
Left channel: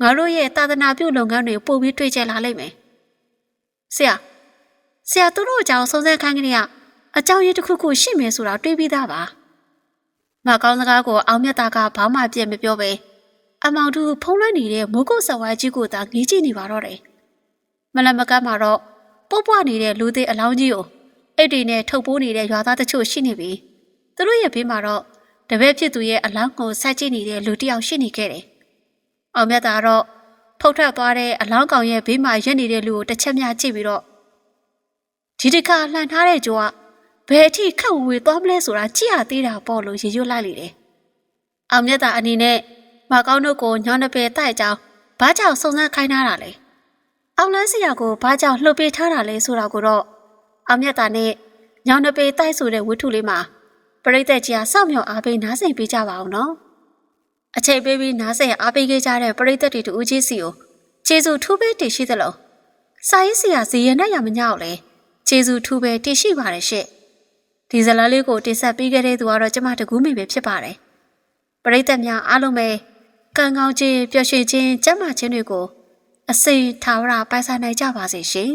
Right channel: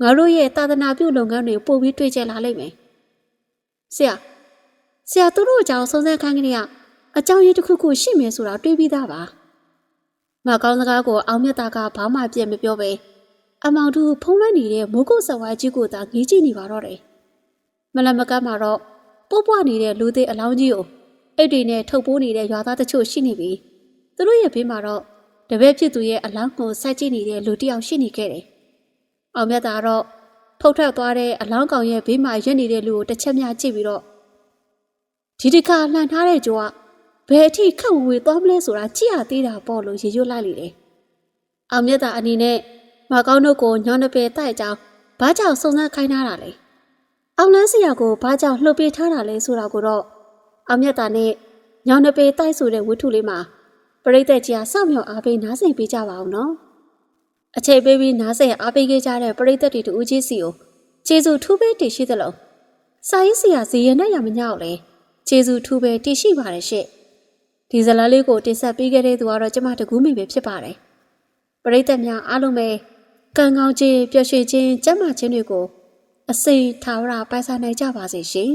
ငါတို့ရဲ့သာသနာပြုလုပ်ငန်းတွေပို့ပြီးတွေ့ကြလာလိမ့်မယ်ဆရာဆရာသူတို့အကြောင်းစုံစမ်းခိုင်းကြတဲ့အကြောင်းရင်းတစ်ခုခုရှိမယ်ဆိုတာတွေးပြီးသားပါမကောင်းစကားကိုအောင်မြတ်တာကဘာမှပြည့်မပြောပဲအမောင်တူဖုံးလွှမ်းနေတဲ့မိုးကုတ်ဆဝိုင်းကြီးကိုသာငေးကြည့်နေပါတော့တယ် မလမကတ်မှာတော့ပုတ်ပွားနေတဲ့လူသေးအလောင်းကြီးကိုအိတ်တွေနဲ့ထုတ်ပိုးနေတဲ့ရွာသားတချို့ရှိနေပြီသူတို့ရဲ့ဘေးမှာတော့တပည့်ဖြစ်သူရဲ့အလောင်းကိုစိုက်ကြည့်နေတဲ့လူတစ်ယောက်ရှိနေခဲ့တယ်အောင်မြတ်တာတော့ဖုတ်ထွက်သွားတဲ့အလောင်းကောင်ရဲ့ဘေးမှာရက်နေတဲ့လူကိုတစ်ချက်များကြည့်ပြီးတော့ဒီတခါလှန်ထားတဲ့ကြိုးကဘယ်အထိခက်ဝေသွားမလဲဆိုတာကြည့်ရသေးတာပေါ့လို့ရေရွတ်လိုက်လေတယ်။အောင်မြတ်တာအနေနဲ့မကောင်းတို့ကိုညောင်းနှပဲတိုက်ကြောင်းဘာကြောင့်စုံစမ်းခိုင်းထားတာလဲ။ အောင်လန်းစရာကိုဘာကြောင့်လှုပ်ပေးထားတာလဲဆိုတာကိုတော့အောင်မြတ်တာနဲ့ညောင်းနှပဲတိုက်ဆိုတဲ့ဝတ္ထုလေးမှာပရိသတ်ကြီးကစောင့်မျှော်အားပေးနားဆင်ပေးကြပါအောင်နော်။အချိန်ပေးပြီးနားဆင်အားပေးခဲ့ကြတဲ့ပရိသတ်တွေတူဦးကြီးစီကိုကျေးဇူးထူးပေးတည်ရှိသလိုစာရေးဆရာဇီရင်နဲ့ရမညောက်လဲကျေးဇူးထူးပဲတည်ရှိပါတယ်ရှင့်ဒီဇလားလေးကိုတင်ဆက်ပေးခဲ့တဲ့သူကတော့ကျမတကူးမိပဲဖြစ်ပါတယ်ပရိသတ်များအားလုံးပဲကံကောင်းခြင်းပျော်ရွှင်ခြင်းကျမ်းမာခြင်းတွေကို အစိမ်ထာဝရပိုင်ဆိုင်နိုင်ကြပါစေရှင်